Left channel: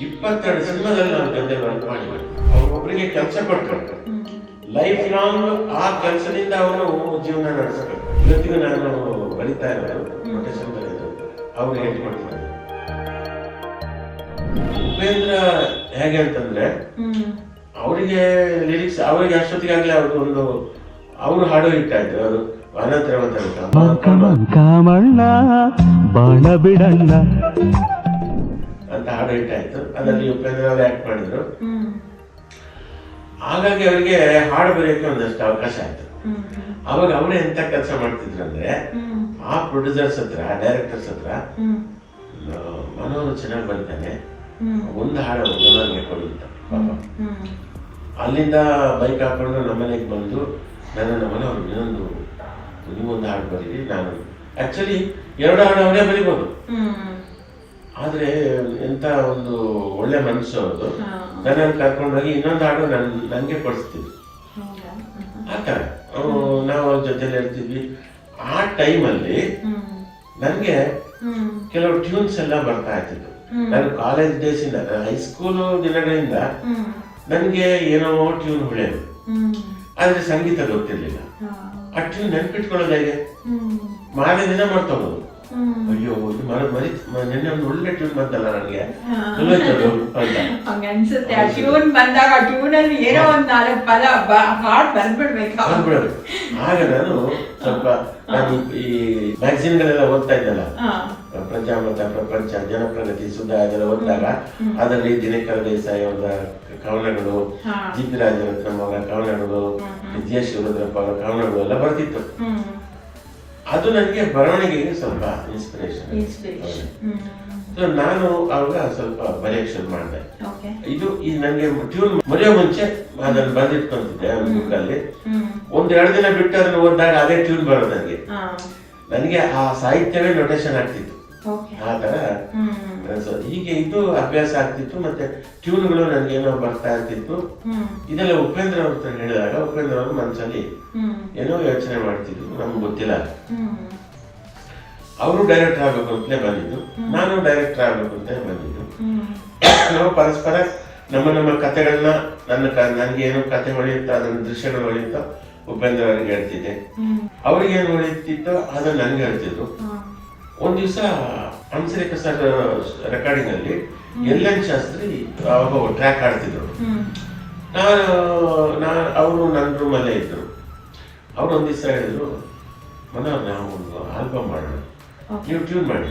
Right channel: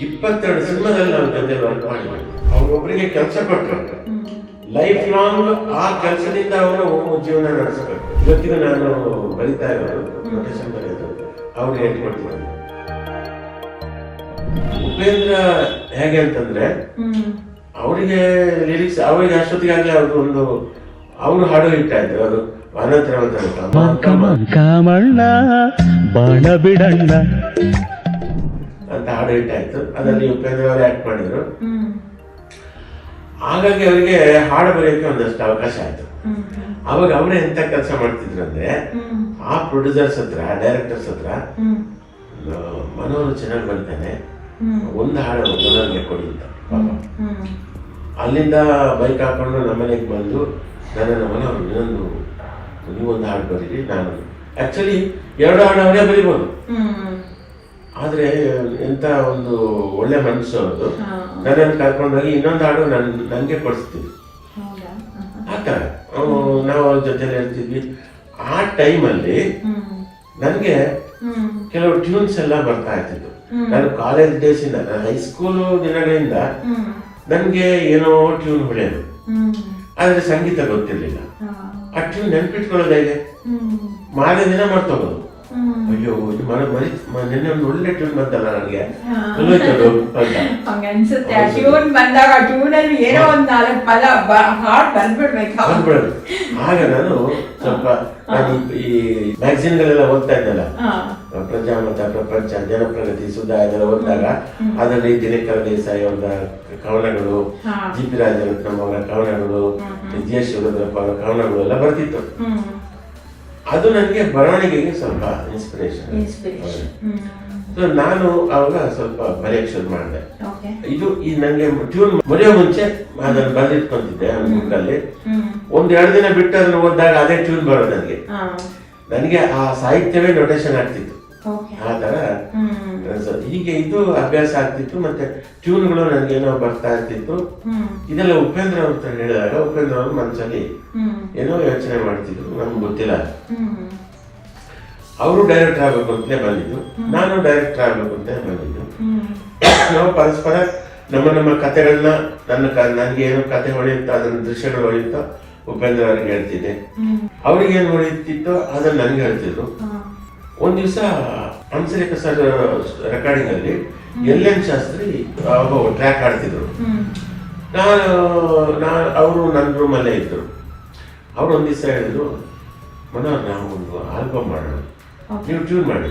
22 ಸಿನಿಮಾದಲ್ಲಿ ನಾವು ಜೊತೆ ವರ್ಕ್ ಮಾಡಿದ್ವಿ. ಅವರೊಬ್ಬರಿಗೆ ಕೆಲಸ ಕೊಟ್ಟರು, ಲೈಫ್ ಲಾಂಗ್ ಆ ಕೆಲಸದಿಂದ ಅವರು ಜೀವನ ನಡೆಸಬೇಕು. ಇವತ್ತಿಗೂ ನಾನು ಬರೀತಾ ಇರೋದು ಅವ್ರು ಹೇಳ್ಕೊಡ್ತಾರೆ. ಉಪೇಂದ್ರ ಹೇಗೆ ಅಂತಂದ್ರೆ ಅವರಿಗೆ ಲಿರಿಕ್ಸ್ ಅವರಿಗೆ ಅಷ್ಟೊತ್ತಿಗಾಗಿ ಅವ್ರಿಗೊಂದು ಅವರು ಹಾಡು ಇಟ್ಟ ಇದ್ರು. ಅವರು ಕಾಮಣ್ಣ ಬಾಣ ಬಿಡಣ್ಣ ಅಂತ ಹಾಡು ಇಟ್ಟಾಯ್ತು. ಅದರಲ್ಲಿ ಉಪೇಂದ್ರ ಅವರು ಆಕ್ಟ್ ಮಾಡಿದ್ರು. ಹಾಗಾಗಿ ಅವರಿಗೆ ಹಾಡು ಬರೆಯಕ್ಕೆ ಒಂದಷ್ಟು ಅವಕಾಶ ಆಯ್ತು. ಅವಾಗ ಅವರು ಎಂತ ಕೆಲಸ ಮಾಡ್ತಿದ್ರು ಅಂದ್ರೆ ಆ ಪ್ರೊಡ್ಯೂಸರ್ಸ್ ಹತ್ರ, ಡೈರೆಕ್ಟರ್ಸ್ ಹತ್ರ ಮನೋರು ಚೆನ್ನಾಗಿ ಬರ್ತಾನೆ, ಒಂದು ಹಾಡು ಮನೋರಿಗೆ ಕೊಡಿ ಅಂತ. ಅಲ್ಲಿಂದ ಬೈಕ್ ಹಾಕೊಂಡು ನಮ್ಮನೆಗೆ ಬಂದು ನನ್ನ ಮನೋರು ಇನ್ನೊಂದು ನೀವೊಂದು ಹಾಡು ಬರೀರಿ. ನಾನು ಆಕ್ಚುಲಿ 2 ಹಾಡು ಅವರೇ ಬರೀಬೋದು, ಆದ್ರೆ ಎಂತ ಒಂದು ಒಳ್ಳೆ ಮನಸ್ಸು ಅವ್ರದ್ದು. ನನ್ನನ್ನು ಕರ್ಕೊಂಡೋಗಿ ಇನ್ನೊಂದು ಹಾಡು ನನಗೆ ಕೊಡಿಸ್ತೀವಿ ಆತಾರೆ. ನಾವು ಅವ್ರ ಜೊತೆ ಹೇಳ್ತಿದ್ವಿ. ಆ ಟೈಮಲ್ಲಿ ನನಗೆ ಕೆಲವು ಟ್ಯೂನ್ಸ್ ಎಲ್ಲ ಬರ್ತಾ ಇರ್ತಿತ್ತು. ನಾನು ಕಾಲೇಜ್ ಡೇಸ್ ಇಂದ, ಹೈಸ್ಕೂಲ್ ದಿನಗಳಿಂದ ನನ್ಗೆ ಏನೋ ಟ್ಯೂನ್ ಹೊಳೆಯೋದು, ಆದ್ರೆ ಸಂಗೀತ ಗೊತ್ತಿರ್ಲಿಲ್ಲ. ಆ ಟ್ಯೂನ್ ನೆನ್ಪಿಟ್ಕೊಳ್ಳೋದು ಹೇಗೆ, ಮಾರನೇ ದಿನ ಮಾಡ್ತೋದು. ಅಯ್ಯೋ ನಿನ್ನೆ ಒಂದು ಒಳ್ಳೆ ಟ್ಯೂನ್ ಬಂತಲ್ಲ ನನಗೆ ಆಗ ನಾನು ಸ್ವಲ್ಪ ಈ ಮ್ಯಾಗಝಿನ್ಗಳೆಲ್ಲ ಓದ್ತಾ ಇದ್ದಲ್ಲ, ಪ್ರಜಾಮತ, ಪ್ರಪಂಚ, ಜನಪ್ರಗತಿ, ಸುಧಾ ಇದೆಲ್ಲ ಓದಿದಾಗ ಅದರಲ್ಲಿ ದಿನಕರ ದೇಸಾಯಿ ಅವರ ಕವನಗಳು, ಜಿ ಪಿ ರಾಜರತ್ನಂ ಅವರ ಕವನಗಳು, ವಿಜಯೇಶ್ವರ ಕವನಗಳು ಎಲ್ಲ ಬರ್ತಿತ್ತು. ಅದು ನನಗೆ ಬರವಣಿಗೆಗೆ ಸ್ವಲ್ಪ ಇನ್ಸ್ಪಿರೇಷನ್. ನಾನು ಅವಾಗ ಸ್ವಲ್ಪ ಬರೆಯಕ್ಕೆ ಶುರು ಮಾಡಿದೆ. ಇದು ಈ ನನಗೆ ಟ್ಯೂನ್ ಬರೆಯೋ ಮುಂಚೆ ಅದನ್ನು ಬರೆದಿಟ್ಕೊಂತಿದ್ದೆ ಅಲ್ಲಿ. 1-2 ದಿನ ಬಿಟ್ಟು ಅದನ್ನು ಓದಿದಾಗ ಅದೇ ಟ್ಯೂನ್ ಬರೋದು ನನಗೆ ಆ ಸಾಹಿತ್ಯವೇ ನೊಟೇಷನ್ ಆಗ್ತಿತ್ತು. ಆ ತರ ಹೀಗೆ ಇದು ಅಭ್ಯಾಸ ಆಗ್ತಿತ್ತು. ಮತ್ತೆ ಟ್ಯೂನ್ಗಳು ನನಗೇನೋ ಬರ್ತಾ ಇರ್ತಿತ್ತು. ಇದೆಲ್ಲ ಉಪೇಂದ್ರ ಅಂತ ಹೇಳಿದಾಗ ಉಪೇಂದ್ರ ಅವರು ಮನಸ್ಸಲ್ಲಿ ಏನೋ ಯೋಚನೆ ಮಾಡ್ತಿದ್ರು, ನಮ್ಗೆ ಗೊತ್ತಿಲ್ಲ. ಅವರು ಡೈರೆಕ್ಟರ್ ಆಗ್ಬೇಕು ಅಂತಲೇ ಬಂದಿದ್ದು, ನಾನು ಡೈರೆಕ್ಟರ್ ಆಗ್ಬೇಕು ಅಂತಲೇ ಬಂದಿದ್ದು. ನಾವು ಪರಸ್ಪರ ನಮ್ಮ ಕಥೆಗಳನ್ನ ನನಗೆ ಏನು ಕಥೆ ಹೊಳೆಯುತ್ತೋ ಅದನ್ನ ದೃಶ್ಯಗಳು ಹೊಳೆಯುತ್ತೋ ಉಪೇಂದ್ರ ಅವ್ರಿಗೆ ಹೇಳ್ತಿದ್ದೆ, ಅವ್ರಿಗೆ ಏನು ಹೊಳೆಯುತ್ತಿತ್ತೋ ಅದನ್ನ ನನಗೆ ಹೇಳ್ತಿದ್ರು. ಒಂದ್ ದಿವಸ ಹಂಸಲೇಖ ಸರ್ ರೆಕಾರ್ಡಿಂಗ್ ಅಲ್ಲಿ ಎಲ್.ಎನ್. ಶಾಸ್ತ್ರಿ ಟ್ರ್ಯಾಕ್ ಆಡ್ತಿದ್ರು. ಅವರು ನನ್ನ ರೂಮಲ್ಲೇ ಇದ್ರು. ಅವ್ರು ಒಂದ್ ದಿವಸ ಹೇಳಿದ್ರು, ಮನೋಹರ್ ನಾವು ಒಂದು ಆಲ್ಬಮ್ ಮಾಡೋಣ, ನೀವು ಟ್ಯೂನ್ ಮಾಡಿ,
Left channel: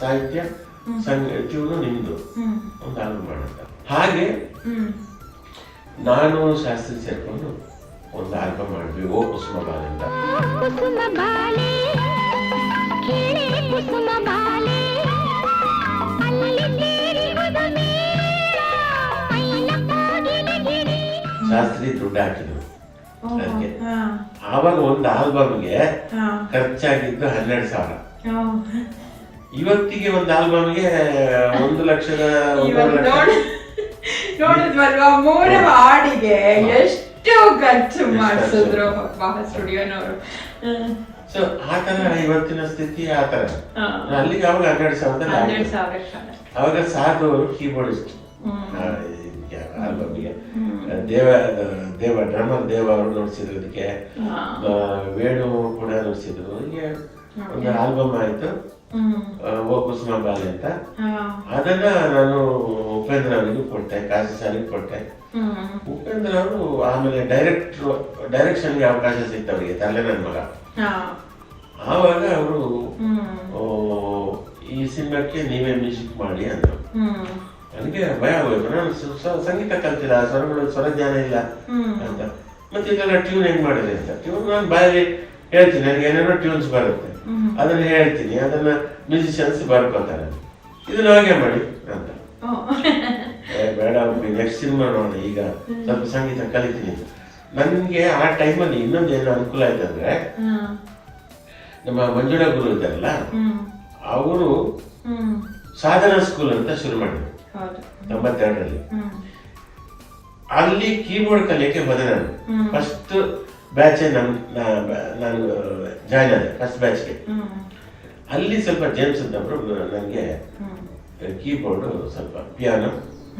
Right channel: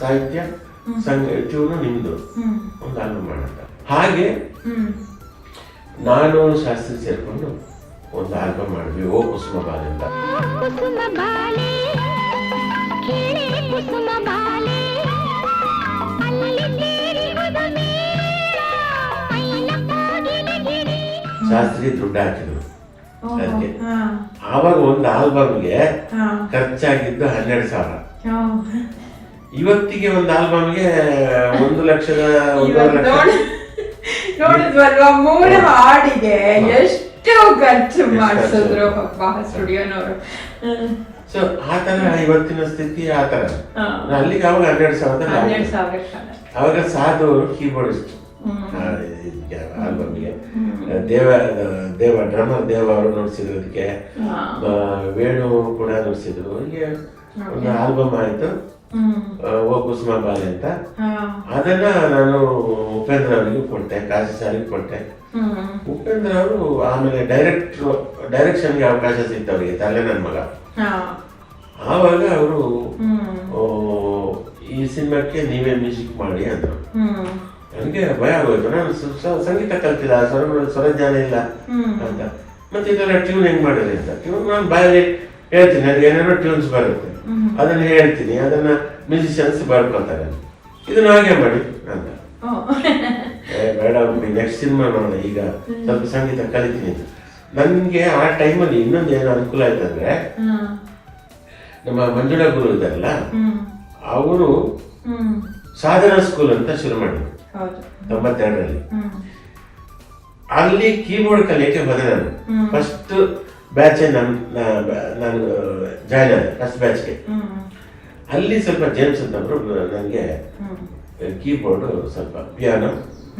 ಸಾಹಿತ್ಯ ಟ್ಯೂನು ನಿಮ್ದು, ಒಂದು ಆಲ್ಬಮ್ ಮಾಡೋಣ. ಹಾಗೆ ನಾನು ಶಾಸ್ತ್ರಿ ಸೇರ್ಕೊಂಡು ಒಂದು ಆಲ್ಬಮ್ ಮಾಡಿದ್ವಿ, ಓ ಕುಸುಮ ಬಾಲಿಂದ. ಶಾಸ್ತ್ರಿ ದುಡ್ಡು ಹಾಕಿದ್ರು ಅದಕ್ಕೆ. ಆವಾಗ ಒಂದು ಆಲ್ಬಮ್ಗೆ ಖರ್ಚಾಗಿದ್ದು 12,000. ಇವತ್ತಿಗೆ ಒಂದು ಆಲ್ಬಮ್ಗೆ 1 ಲಕ್ಷದ 1.5 ಲಕ್ಷ. ನೋಡಿದ್ವಲ್ವಾ, 3 ಹಾಡಿಗೆ ಎಷ್ಟು ಖರ್ಚು ಮಾಡಿಸಿದ್ರು ಸ್ಟುಡಿಯೋನವರು. ಸೊ ಆ ತರ ಇವತ್ತಿನ ಸ್ಥಿತಿ ಆ ತರ. ಅಲ್ಲಿಗೆ ಅವಾಗ 12,000 ಅವಾಗ ಸಾಧು ಕೀಬೋರ್ಡಿಸ್ಟ್ ಆಲ್ಬಮ್ಗೆ ದೇವ ಡ್ರಮ್ಮರ್ ದೇವ ಅವರು ನುಡಿಸಿರೋದಕ್ಕೆ, ವೇಣು ಕೂಡ ನುಡಿಸಿದ್ರು. ಹೀಗೆ ಒಂದು ಆಲ್ಬಮ್ ಆಯ್ತು, ಓ ಕುಸುಮ ಬಾಲೆ ಅಂತ. ಅದನ್ನ ನಾನು ಉಪೇಂದ್ರ ಅವರಿಗೂ ಕೊಟ್ಟೆ, ಕಾಶಿ ಸಾರಿಗೆ ಕೊಟ್ಟೆ. ಉಪೇಂದ್ರ ಅವರು ಆಮೇಲೆ ಡೈರೆಕ್ಷನ್ಗೆ ಅವಕಾಶ ಸಿಗ್ತು ಅವರಿಗೆ, ತಲೆ ನನ್ನ ಮಗ. ಆವಾಗ ಅವರು ಈ ಸಿನಿಮಾಕ್ಕೆ ನೀವೇ ಮ್ಯೂಸಿಕ್ ಮಾಡಿ ಅಂದ್ರು. ನನಗೆ ಭಯ ಆಗೋಯ್ತು, ನಾನು ಸಂಗೀತ ಕಲ್ತಿಲ್ಲ, ಸ್ವರಜ್ಞಾನ ಇಲ್ಲ ಅಂತ. ಮತ್ತೆ ಇದೆಲ್ಲ ಟ್ಯೂನ್ ಹೆಂಗ್ ಮಾಡಿದ್ರಿ ಅಂತ. ಟ್ಯೂನ್ ನಾನು ಬಾಯಲ್ಲಿ ಹೇಳ್ತೀನಿ, ನನಗೆ ಏನೇನೋ ಟ್ಯೂನ್ಸ್ ಬರುತ್ತೆ, ಅದನ್ನ ಹೇಳ್ತೀನಿ, ಅದನ್ನ ಮ್ಯೂಸಿಷಿಯನ್ಸ್ ಬರ್ಕೋತಾರೆ, ಇದನ್ನ ಹಾಗೆ ಮಾಡಿ ಅಂತ. ಬೇಡ, ನೆಕ್ಸ್ಟ್ ಸಿನಿಮಾ ನೋಡೋಣ, ಈಗ ಸ್ವಲ್ಪ ಸಂಗೀತ ಕಲಿತೀನಿ. ನನ್ಗೆ ಆ ಟೈಮಲ್ಲಿ ಇನ್ನೊಂದು ಏನೋ ಅನುಕೂಲ ಆಯ್ತಂದ್ರೆ, ನಮ್ಮ ಮಂಜುಳಾ ಗುರು ಇದ್ದಾರಲ್ಲ, ಅವರು ಸಾಧನಾ ಸ್ಕೂಲ್ ಅಂತ ಶುರು ಮಾಡಿದ್ರು 92ರಲ್ಲಿ. ಅಲ್ಲಿ ಕೀಬೋರ್ಡ್ ಕಲಿಯಕ್ಕೆ ಬಂದೆ ನಾನು. ಫಸ್ಟ್ ಬ್ಯಾಚ್ ನಾನು ಜಾಯ್ನ್ ಆದೆ, ಫಸ್ಟ್ ಬ್ಯಾಚ್ಗೆ. ಅಲ್ಲಿ ಸ್ವಲ್ಪ ಜೇಮ್ಸ್ ಅಂತವ್ರು ನನಗೆ ಕೀಬೋರ್ಡು ಸ್ವಲ್ಪ ಪಿಯಾನೋ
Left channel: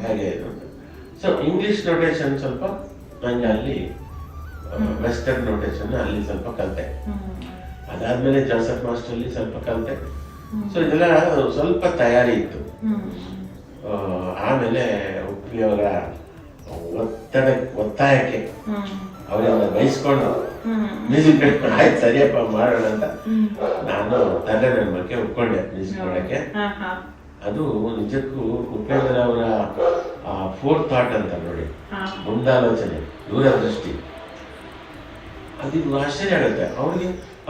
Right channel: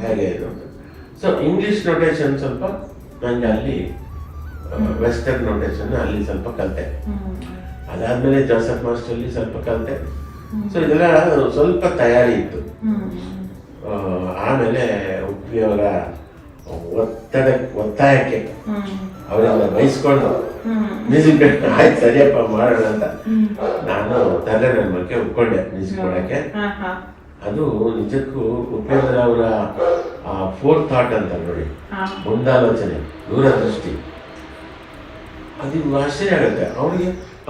ಹಾಗೆ ಇರೋದು. ಸೊ ಇಂಗ್ಲಿಷ್ ನೊಟೇಷನ್ ಸ್ವಲ್ಪ ನಂಗೆ ಅಲ್ಲಿ ವೆಸ್ಟರ್ನ್ ನೊಟೇಷನ್ ಅಲ್ಲಿ ಸ್ವಲ್ಪ ಕಲಿತೆ. ಅದಾದ್ಮೇಲೆ ಜೋಸೆಫ್ ಮಾಸ್ಟರ್ಲಿ ಸ್ವಲ್ಪ ಕಲಿತೆ. ಸೊ ಇದೆಲ್ಲ ಸ್ವಲ್ಪ ತಯಾರಿ ಇತ್ತು. ಆಮೇಲೆ ಉಪ್ಪಿಯವರ ಒತ್ತಾಯಕ್ಕೆ ಅವರೆಲ್ಲ ಬಯಸ್ಕೊಂಡು ಮ್ಯೂಸಿಕ್ ಆಯ್ತು ಸರಿಯಪ್ಪ ಮಾಡೋಣ ಅಂತ ನಾನು ತಂದೆ ನನ್ನ ಮಕ್ಕೆ ಒಪ್ಕೊಂಡೆ ಮ್ಯೂಸಿಕ್ ಮಾಡೋಕ್ಕೆ. ಅದು ನಿಜಕ್ಕೂ ಉಪೇಂದ್ರ ಅವರ ಫೋರ್ ಥಾಟ್ ಅಂತ ನೋಡಿ, ಮುಂದಾಲೋಚನೆ, ದೂರದೃಷ್ಟಿ, ಅದು ಆಶ್ಚರ್ಯ ಆಗುತ್ತೆ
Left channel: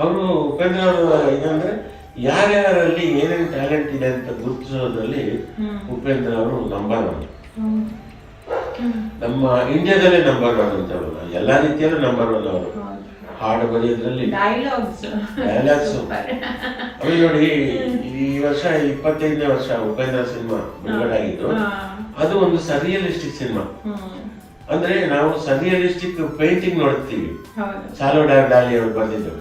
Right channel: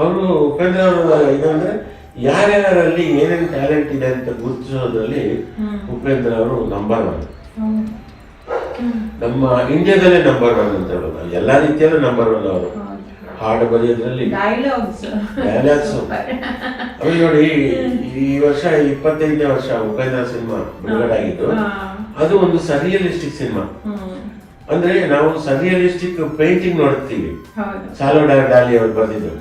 ಅವರು ಉಪೇಂದ್ರ ಅವರ ಇದಂದ್ರೆ ಯಾರ್ಯಾರಲ್ಲಿ ಏನೇನು ಟ್ಯಾಲೆಂಟ್ ಇದೆ ಅಂತ ಗುರುತಿಸೋದ್ರಲ್ಲಿ ಉಪೇಂದ್ರ ಅವರು ನಂಬರ್ 1. ನಮ್ಮ ಇಂಡಿಯಾದಲ್ಲೇ ನಂಬರ್ 1 ಅಂತ ಎಲ್ಲಾ ರೀತಿಯಲ್ಲೂ ನಂಬರ್ 1 ಅವರು. ಹಾಡು ಬರೆಯೋದ್ರಲ್ಲಿ ಡೈಲಾಗ್ಸ್ ನೋಡಿ, ಈ ವರ್ಷ 25ನೇ ವರ್ಷ ಉಪೇಂದ್ರ ಸಿನಿಮಾ ಬಿಡುಗಡೆ ಆಗಿದ್ದು. ಅದು ಒಂದು ಸರ್ರಿಯಲಿಸ್ಟಿಕ್ ಸಿನಿಮಾ. ಅಂದ್ರೆ ನಾವು ಸರ್ರಿಯಲಿಸ್ಟಿಕ್ ಪೇಂಟಿಂಗ್ ನೋಡ್ತೀವಿ, ಸಾಲ್ವಡಾರ್ ಡಾಲಿ ಅವ್ರು ಬರೆದಿದ್ದು.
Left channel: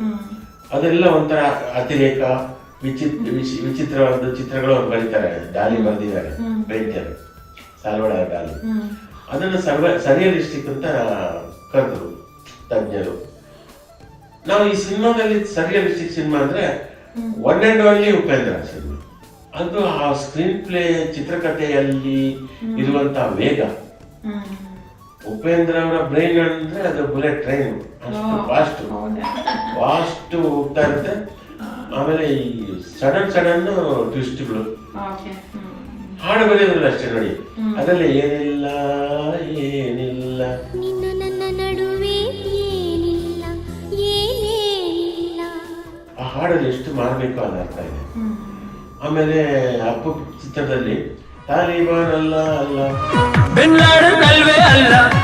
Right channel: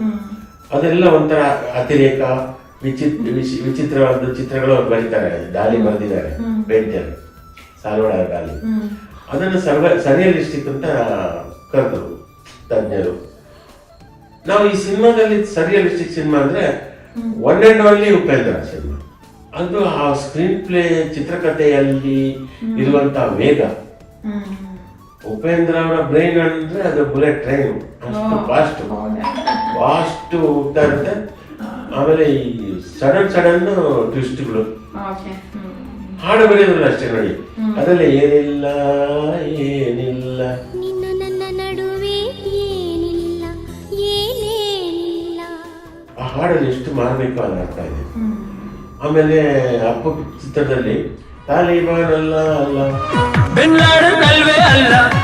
ಅದೆಲ್ಲ ಒಂಥರ ಅತಿರೇಕ ವಿಚಿತ್ರವಾದ ಚಿತ್ರಗಳು ಅವ್ರು ಬರೀತಾರೆ. ಡಾಲಿ ಬರೆದಿದ್ದಾರೆ, ಪೇಂಟರ್ ಸಾಲ್ವಡಾರ್ ಡಾಲಿ. ಅದನ್ನು ಸರ್ರಿಯಲಿಸ್ಟಿಕ್ ಅಂತ ಕರೆದ್ರು ತಜ್ಞರು. ನಾವು ಈ ಸಿನಿಮಾದಲ್ಲಿ ಸರ್ರಿಯಲಿಸ್ಟಿಕ್ ಸಿನಿಮಾ ಅಂದ್ರೆ one and only Upendra cinema. ಅದು ಆ ಸ್ಕ್ರೀನ್ ಪ್ಲೇ, ಚಿತ್ರಕಥೆಯಲ್ಲಿ ಇರುವಂತ ವೇಗ, ಉಪೇಂದ್ರ ಅವರ ಬ್ರೈನ್ ಅಂದ್ರೆ ಅದು ಬುಲೆಟ್ ಟ್ರೈನ್, ಅಷ್ಟು ಫಾಸ್ಟ್ ಹೋಗ್ತಾ ಇರುತ್ತೆ. ಆಮೇಲೆ ಈ ಸಡನ್ ಟ್ವಿಸ್ಟ್ಗಳು, ಹಾಡು ಬರೆಯೋದಿಲ್ಲ ಅಷ್ಟೇ ನೋಡಿ, ಅದರಲ್ಲಿ ಏನಿಲ್ಲ ನಿನ್ನ ನನ್ನ ನಡುವೆ ಏನಿಲ್ಲ ಏನೇನಿಲ್ಲ, ಆ ಹಾಡಲ್ಲಿ ಎಷ್ಟು ಮಾರ್ಮಿಕ ಅಂತ ಅರ್ಥ ಇದೆ. ಆಮೇಲೆ ಅಪ್ಪು ಚಿತ್ರದಲ್ಲಿ ತಾಲಿಬಾನಲ್ಲ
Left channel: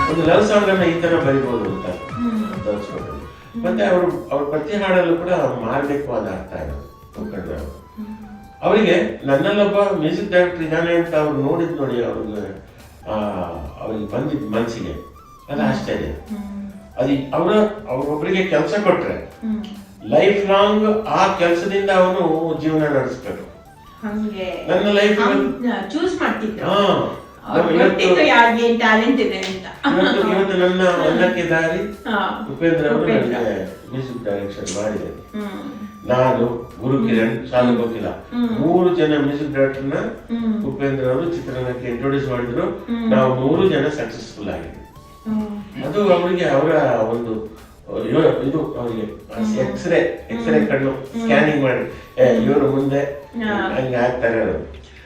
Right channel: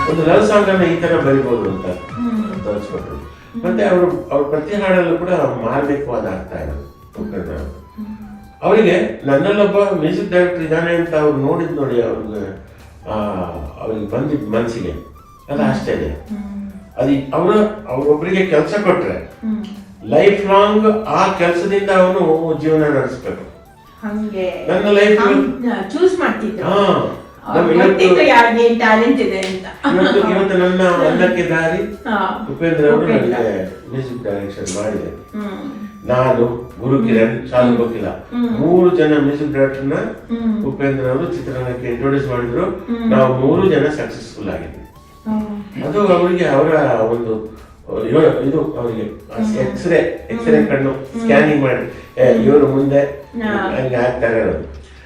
ಒಂದು ಲವ್ ಸಾಂಗ್ ಅನ್ನ ಈ ತರ ಬರೀಬಹುದು ಅಂತ ಬಳಸ್ಕೊಟ್ರು. ಮತ್ತೆ ಅವ್ರ ಪ್ರತಿ ಹಾಡಲ್ಲೂ ಕೂಡ ಮಾರ್ಮಿಕವಾದ ಅರ್ಥ ಇದೆ. ಅವರಿಗೆ ನನ್ನಲ್ಲೊಬ್ಬ ಮ್ಯೂಸಿಕ್ ಡೈರೆಕ್ಟರ್ ಇದ್ದಾನೆ ಅಂತ ಅವ್ರು ನೋಡಿದ್ ನೋಡಿ, ಅವ್ರಿಗೆ ಬಂದಿದ್ ಮನಸ್ಸಿಗೆ ಅದು ಆಶ್ಚರ್ಯ. ಅದು ಅವ್ರೊಬ್ಬರಿಗೆ ಕೆಲಸ ಕೊಟ್ರೆ ಲೈಫ್ ಲಾಂಗ್ ಆ ಕೆಲಸದಿಂದ ಅವನು ಜೀವನ ನಡೆಸ್ಬೇಕು. ನನ್ನ ಲೈಫ್ ಚೂಸ್ ಮಾಡ್ತಿದ್ರು, ಇವತ್ತು ನನ್ನ ಅನ್ನಕ್ಕೆ ದಾರಿ ಉಪೇಂದ್ರ ಅವರು ನನಗೆ ಮ್ಯೂಸಿಕ್ ಡೈರೆಕ್ಷನ್ ಮಾಡಿದೆ. ನಾನು, ಗುರುಕಿರಣ್, ಶಾಲು ಬಕಿಲ 3 ಜನ ಮ್ಯೂಸಿಕ್ ಡೈರೆಕ್ಟರ್ನ ಉಪೇಂದ್ರ ಅವರು ಚಿತ್ರರಂಗಕ್ಕೆ ಇಂಟ್ರೊಡ್ಯೂಸ್ ಮಾಡಿದ್ರು. ನಾವು 3 ಜನ ಸಕ್ಸಸ್ಫುಲ್ ಆಗಿದ್ವಿ. ಅದು ಅವರಿಗೆ ಅವರ ಒಂದು ಇದು ಅವರಿಗೆ ಎಕ್ಸ್ರೇ ಕಣ್ಣು ಸ್ಕ್ಯಾನಿಂಗ್ ಮಾಡಿ ಇವರು ಮುಂದೆ ಹಂಗೆ ಆಗ್ತಾರೆ.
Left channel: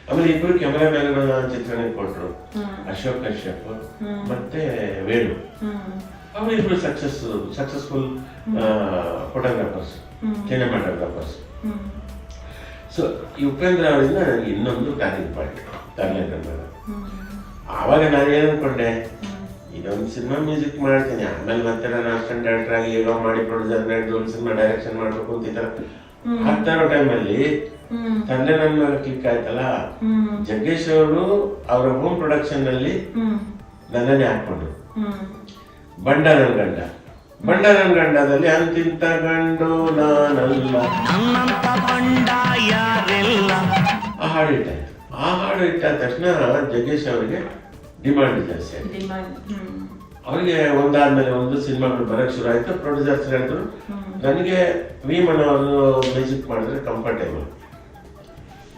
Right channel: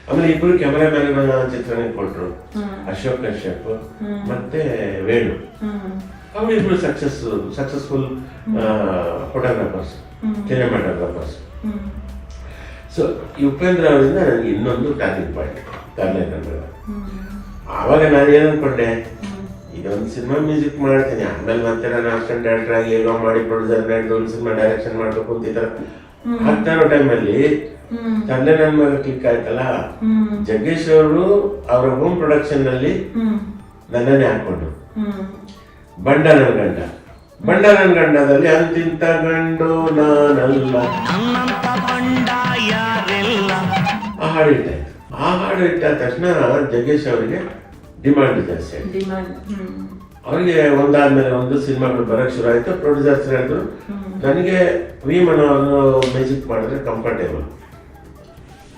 ಆಮೇಲೆ ಇಬ್ರು ಕ್ಯಾಮರಾಮ್ಯಾನ್ ಚಿತ್ರರಂಗ ಕೊಟ್ರು, ಅಶೋಕ್ ಕಶ್ಯಪ್ ಮತ್ತೆ ವೇಣು. ಅವರಿಬ್ರು ಸಕ್ಸಸ್ಫುಲ್ ಫೋಟೋಗ್ರಾಫರ್ಸ್, ಸಿನಿಮಾಟೋಗ್ರಾಫರ್ಸ್. ಸೊ ಈ ಉಪೇಂದ್ರ ಅವರಿಂದ ನನಗೆ ಇನ್ನೊಂದು ಟರ್ನಿಂಗ್ ಪಾಯಿಂಟ್ ತರಲೇಬೇಕು. ಆವಾಗ ನಾನು ಏನು ಅನ್ಕೊಂಡೆ, ಇದೊಂದು ಸಿನಿಮಾ ಮ್ಯೂಸಿಕ್ ಮಾಡ್ತೀನಿ, ಆಮೇಲೆ ಮತ್ತೆ ನಾನು ಅಸಿಸ್ಟೆಂಟ್ ಡೈರೆಕ್ಟರ್ ಆಗಿ ಏನೋ ಮಾಡಿ ಪ್ರೊಡ್ಯೂಸರ್ ಸಿನಿಮಾ ಡೈರೆಕ್ಷನ್ ಮಾಡ್ಬೇಕು ಅಂತ ಈ ತರ ಆಗ್ತಾ ಇರೋ ಟೈಮಲ್ಲಿ ತಂದೆ ನನ್ನ ಮಗ ಕ್ಲಿಕ್ ಆಯ್ತಲ್ಲ. ಜಗ್ಗೇಶ್ ಅವರು ಅವರ ಹೋಮ್ ಪ್ರೊಡಕ್ಷನ್ ನಲ್ಲಿ ನನ್ನನ್ನೇ ಹಾಕೊಂಡು ಬಂಡ ನನ್ನ ಗಂಡದಲ್ಲಿ ಅಂತಿಂತ ಗಂಡು ನಾನಲ್ಲ ಆ ಹಾಡು ಇಟ್ಟ ತಕ್ಷಣ ಜಗ್ಗೇಶ್ ಅವರಿಗೆ ಡಿಮಾಂಡ್ ಜಾಸ್ತಿ ಆಯ್ತು. ಅವರಿಗೆ ಒಂದಾದ್ಮೇಲೆ ಒಂದು ಸಿನಿಮಾಗಳು ಬರಕ್ ಶುರು ಆಯ್ತು. ಪ್ರೊಡ್ಯೂಸರ್ಸ್ ಹೇಳಿದ್ರು ನನಗೆ ವಿ ಮನೋಹರ್ ಮ್ಯೂಸಿಕ್ ಮಾಡಿದ್ರೆ ಕಂಫರ್ಟೇಬಲ್,